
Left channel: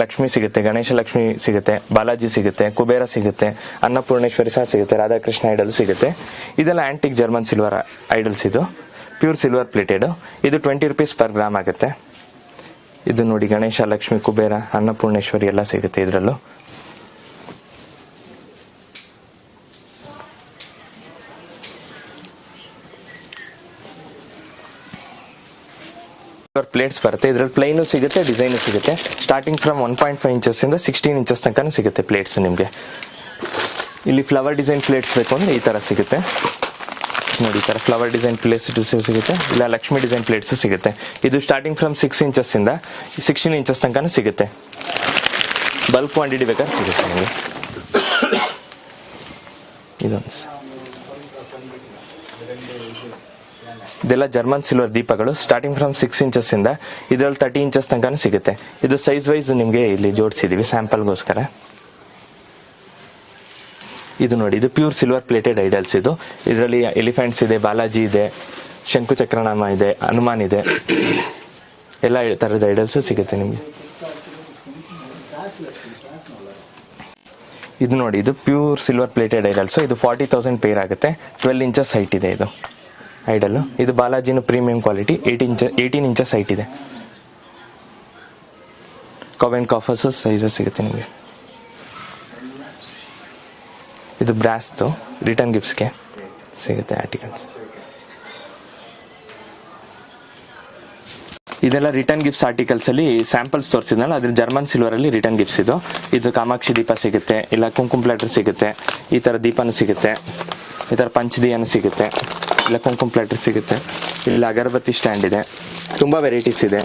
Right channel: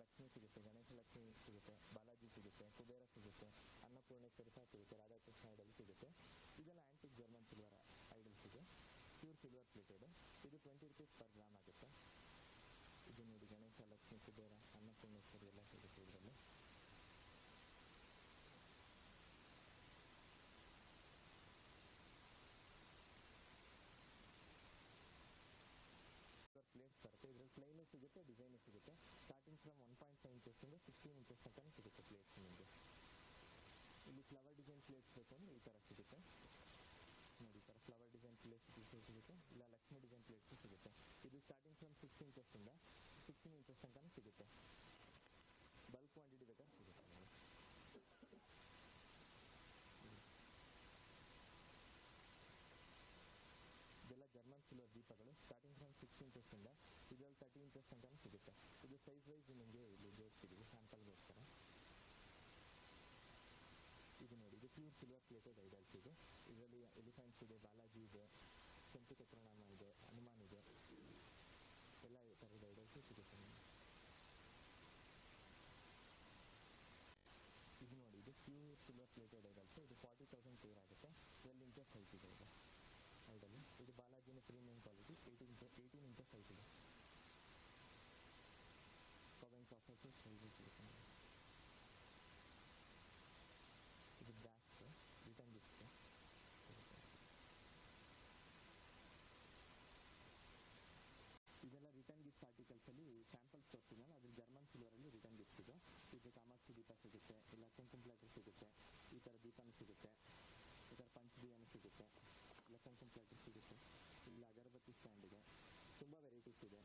ಲಕ್ಷ್ಮಿ ಸಿಗುತ್ತೆ, ಗಣೇಶ ಲಕ್ಷ್ಮಿ ಸಿಗುತ್ತೆ, ಬಾಲಾಜಿ ಸಿಗುತ್ತೆ, ಕುಬೇರ ಸಿಗುತ್ತೆ, ಅನ್ನಪೂರ್ಣೇಶ್ವರಿ ಸಹ ಸಿಗುತ್ತೆ, ರಾಧಾಕೃಷ್ಣ ಐಡಲ್ ಸಿಗುತ್ತೆ. ಇದೆಲ್ಲ ಆಂಟಿಕ್ ಜರ್ಮನ್ ಸಿಲ್ವರ್ ಐಡಲ್ಸ್. ಇದು ಪ್ಯೂರ್ ಸಿಲ್ವರ್ ಪ್ಲೇಟೆಡ್. ಇದು 20 rupees ಪರ್ ಗ್ರಾಮ್ ಆಗುತ್ತೆ. ಇದು ನೋಡಿ, ಗಣೇಶ, ಲಕ್ಷ್ಮಿ, ಕುಬೇರ, ಅನ್ನಪೂರ್ಣೇಶ್ವರಿ ಎಲ್ಲ ಸಿಗುತ್ತೆ ಇದರಲ್ಲೂ. ಪ್ಲೇಟ್ಸ್ ಬರುತ್ತೆ. ಇದರಲ್ಲಿ ಪ್ಲೈನು ಸಿಗುತ್ತೆ, ಡಿಸೈನು ಸಿಗುತ್ತೆ. ಸ್ಟಾರ್ಟಿಂಗ್ ಫ್ರಮ್ 1.5 ಇಂಚಸ್ ಇಂದ 16 ಇಂಚಸ್ ತನಕ ಸಿಗುತ್ತೆ ಪ್ಲೇಟ್ಸ್ ನಿಮಗೆ. ಇಲ್ಲಿ ಫ್ಲವರ್ ಡಿಸೈನ್ ಪ್ಲೇಟ್ಸ್ ಬೇಕು ಅಂದ್ರೆ ಈ ತರ ಸಿಗುತ್ತೆ ನೋಡಿ. ಈ ತರ ಫ್ಲವರ್ ಡಿಸೈನ್ ಪ್ಲೇಟ್ಸ್ ಸಿಗುತ್ತೆ, ಇಲ್ಲ ಲಕ್ಷ್ಮಿ ಡಿಸೈನ್ ಪ್ಲೇಟ್ಸ್ ಸಿಗುತ್ತೆ. ಇದು ಸ್ಟಾರ್ಟಿಂಗ್ ಫ್ರಮ್ 6 ಇಂಚಸ್ ಇಂದ 16 ಇಂಚಸ್ ತನಕ ಸಿಗುತ್ತೆ. ಬಲ್ಕ್ ಕ್ವಾಂಟಿಟಿ ಬೇಕಾದ್ರೆ ಸಿಗುತ್ತೆ ನಿಮಗೆ. ಇದೊಂದು ಇದೆಲ್ಲ ಜರ್ಮನ್ ಸಿಲ್ವರ್ ದೀಪಗಳು. ಸ್ಟಾರ್ಟಿಂಗ್ ಫ್ರಮ್ 6 ಇಂಚಸ್ ಇಂದ ಇದರಲ್ಲಿ 30 ಇಂಚಸ್ ತನಕ ಸಿಗುತ್ತೆ. ಇದು ಸೈಜ್ ವೈಸ್ ನಿಮಗೆ ಇಲ್ಲಿ ಜೋಡಿಸಿದೀವಿ ಸ್ಯಾಂಪಲ್ಗೋಸ್ಕರ. ಇದು ನೋಡಿ, ಇದು ಪ್ಯೂರ್ ಸಿಲ್ವರ್ ಪ್ಲೇಟೆಡ್ ಐಡಲ್ಸ್. ಇದರಲ್ಲಿ ಎಲಿಫೆಂಟ್ಸ್ ಇದೆ, ಬಾಲಾಜಿ ಇದೆ, ಶಂಕು ಚಕ್ರನಾಮ ಇದೆ, ಹನುಮಾನ್ ಇದೆ, ಎಲ್ಲ ತರದ ಐಡಲ್ಸ್ ಸಿಗುತ್ತೆ ನಿಮಗೆ. ಇದು ನೋಡಿ, ಇದು ಪ್ಯೂರ್ ಸಿಲ್ವರ್ ಪ್ಲೇಟೆಡ್ ಐಡಲ್ಸ್. ಇದು 40,000 ಪೇರ್ ಆಗುತ್ತೆ. 12 ಇಂಚಸ್ ಹೈಟ್ ಇದೆ ಇದು ಐಡಲ್. ಇದು ಬಾಲಾಜಿನ ಪ್ರೀಮಿಯಂ ಕ್ವಾಲಿಟಿ. 18 ಇಂಚಸ್ ಹೈಟ್ ಇದೆ. ಕಾವೆನ್ ಕಾಫರ್ಸ್ ಸೈಜಸ್ ಸಿಗುತ್ತೆ ನಿಮಗೆ. ಇದು ಬ್ರಾಸ್ದು ರಿಟರ್ನ್ ಗಿಫ್ಟ್ಸ್ಗೆ ಸಿಗುತ್ತೆ ಆರ್ಟಿಕಲ್ಸ್. ಇದೆಲ್ಲ ರಿಟರ್ನ್ ಗಿಫ್ಟ್ಸ್ ಆರ್ಟಿಕಲ್ಸ್ ಅಲ್ಲಿ ಸ್ಯಾಂಪಲ್ಸ್ ತೋರಿಸಿದ್ನಲ್ಲ, ಅದ್ರ ಜರ್ಮನ್ ಸಿಲ್ವರ್ ಅಲ್ಲಿ ರಿಟರ್ನ್ ಗಿಫ್ಟ್ಸ್. ಇದು ಕಾಮಾಕ್ಷಿ ದೀಪ ಸಿಗುತ್ತೆ, ಇಲ್ಲ ಕುಂಕುಮ ಪ್ಲಾಟರ್ ಸಿಗುತ್ತೆ, ಈ ತರ ದೀಪನೂ ಸಿಗುತ್ತೆ, ಈ ತರ ಪಂಚದಿಯನು ಸಿಗುತ್ತೆ, ಇಲ್ಲ ಕುಂಕುಮ ಪ್ಲಾಟರ್ ಸಿಗುತ್ತೆ, ಇಲ್ಲ ಅಗರಬತ್ತಿ ಸ್ಟ್ಯಾಂಡ್ ಇದೆ. ತುಂಬಾ ವೆರೈಟೀಸ್ ಇದೆ.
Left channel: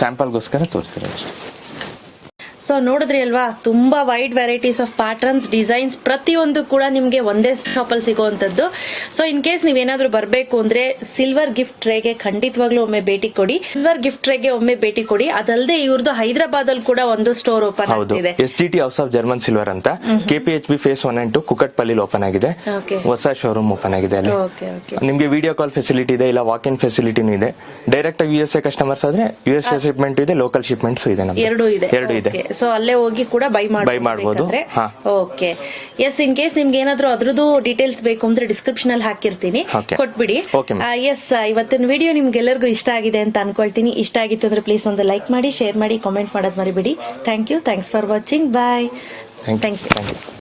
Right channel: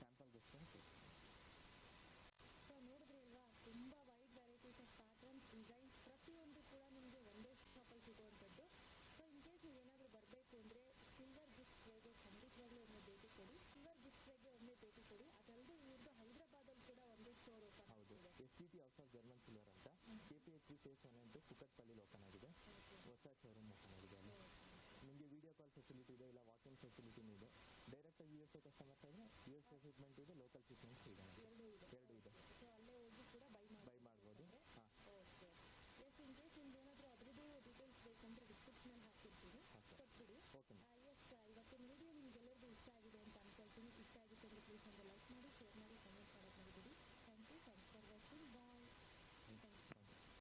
ಸ್ಯಾಂಪಲ್ಗೋಸ್ಕರ ತೋರಿಸಿದ್ರೆ ಅಷ್ಟೇ. ಸೊ ನೋಡಿದ್ರಿ ಅಲ್ವಾ, ತುಂಬಾ wide varieties of patterns, designs ಪ್ರತಿಯೊಂದು ಕೂಡ ನಿಮ್ಗೆ ಒಂದೇ ಶಾಪಲ್ಲಿ ಸಿಗುವಂತದ್ದು. ಸೊ ಇನ್ ಕೇಸ್ ನೀವೇನಾದ್ರೂ ಬರಬೇಕು ಅಂದ್ರೆ ಸಿಲ್ವರ್ ಗಿಫ್ಟ್ ಟ್ರೇಗೆ ಖಂಡಿತವಾಗ್ಲೂ ಒಮ್ಮೆ ಭೇಟಿ ಕೊಡಿ. ಸಿಲ್ವರ್ ಗಿಫ್ಟ್ ಟ್ರೇಗೆ ಒಮ್ಮೆ ಭೇಟಿ ಕೊಡಿ. ಅದಲ್ಲದೆ ಇವ್ರದ್ದು ಹೈದರಾಬಾದ್ ಅಲ್ಲಿ ಕೂಡ ಒಂದು ಸ್ಟೋರ್ ಓಪನ್ ಆಗಿದೆ, SGT house of German silver ಅಂತ. KPHB ಫೇಸ್ 1 and 2 ಕುಕಟ್ಪಲ್ಲಿ ಓಪನ್ ಆಗಿದೆ. ಹೊಸ ಶೋರೂಮ್ ಓಪನ್ ಆಗಿದೆ ಅಲ್ಲಿ. ನಿಮ್ಗೆ ವಿಡಿಯೋ ಕಾಲ್ ಫೆಸಿಲಿಟಿ ಇದೆ, ಇಲ್ಲ ವಾಕ್ ಇನ್ ಫೆಸಿಲಿಟಿನೂ ಇದೆ. ಡೈರೆಕ್ಟ್ ಆಗಿ USA ಕಸ್ಟಮರ್ಸ್ ಆದ್ರೆ USA ಶಿಪ್ಮೆಂಟ್ ಇದೆ, ಲೋಕಲ್ ಶಿಪ್ಮೆಂಟ್ಸ್ ಇದೆ. ಎರಡು ಇದೆ. ಸೊ ಅಲ್ಲೇ ಹೋಗಿ ಕೂಡ ಬೈ ಮಾಡಬಹುದು. Okay, S. ಇನ್ ಕೇಸ್ ನಿಮ್ಗೆ ಏನಾದ್ರು ಅದ್ರದ್ದು ಡೀಟೇಲ್ಸ್ ಬೇಕು ಅಂದ್ರೆ ಡಿಸ್ಕ್ರಿಪ್ಷನ್ ಅಲ್ಲಿ ಹಾಕಿರ್ತೀನಿ, ಕೊಟ್ಬಿಡಿ. ಎಸ್, ಇವತ್ತಿನ ವಿಡಿಯೋ ನಿಮ್ಗೆಲ್ಲರಿಗೂ ಇಷ್ಟ ಆಗಿದೆ ಅಂತ ಅನ್ಕೊಳ್ತೀನಿ. ಇಷ್ಟ ಆಗಿತ್ತು ಅಂದ್ರೆ ಪ್ಲೀಸ್ ಒಂದು ಲೈಕ್ ಮಾಡಿ, ಶೇರ್ ಮಾಡಿ, ಕಾಮೆಂಟ್ ಮಾಡೋದು ಮರಿಬೇಡಿ. Thank you, thanks for watching. Bye. Thank you.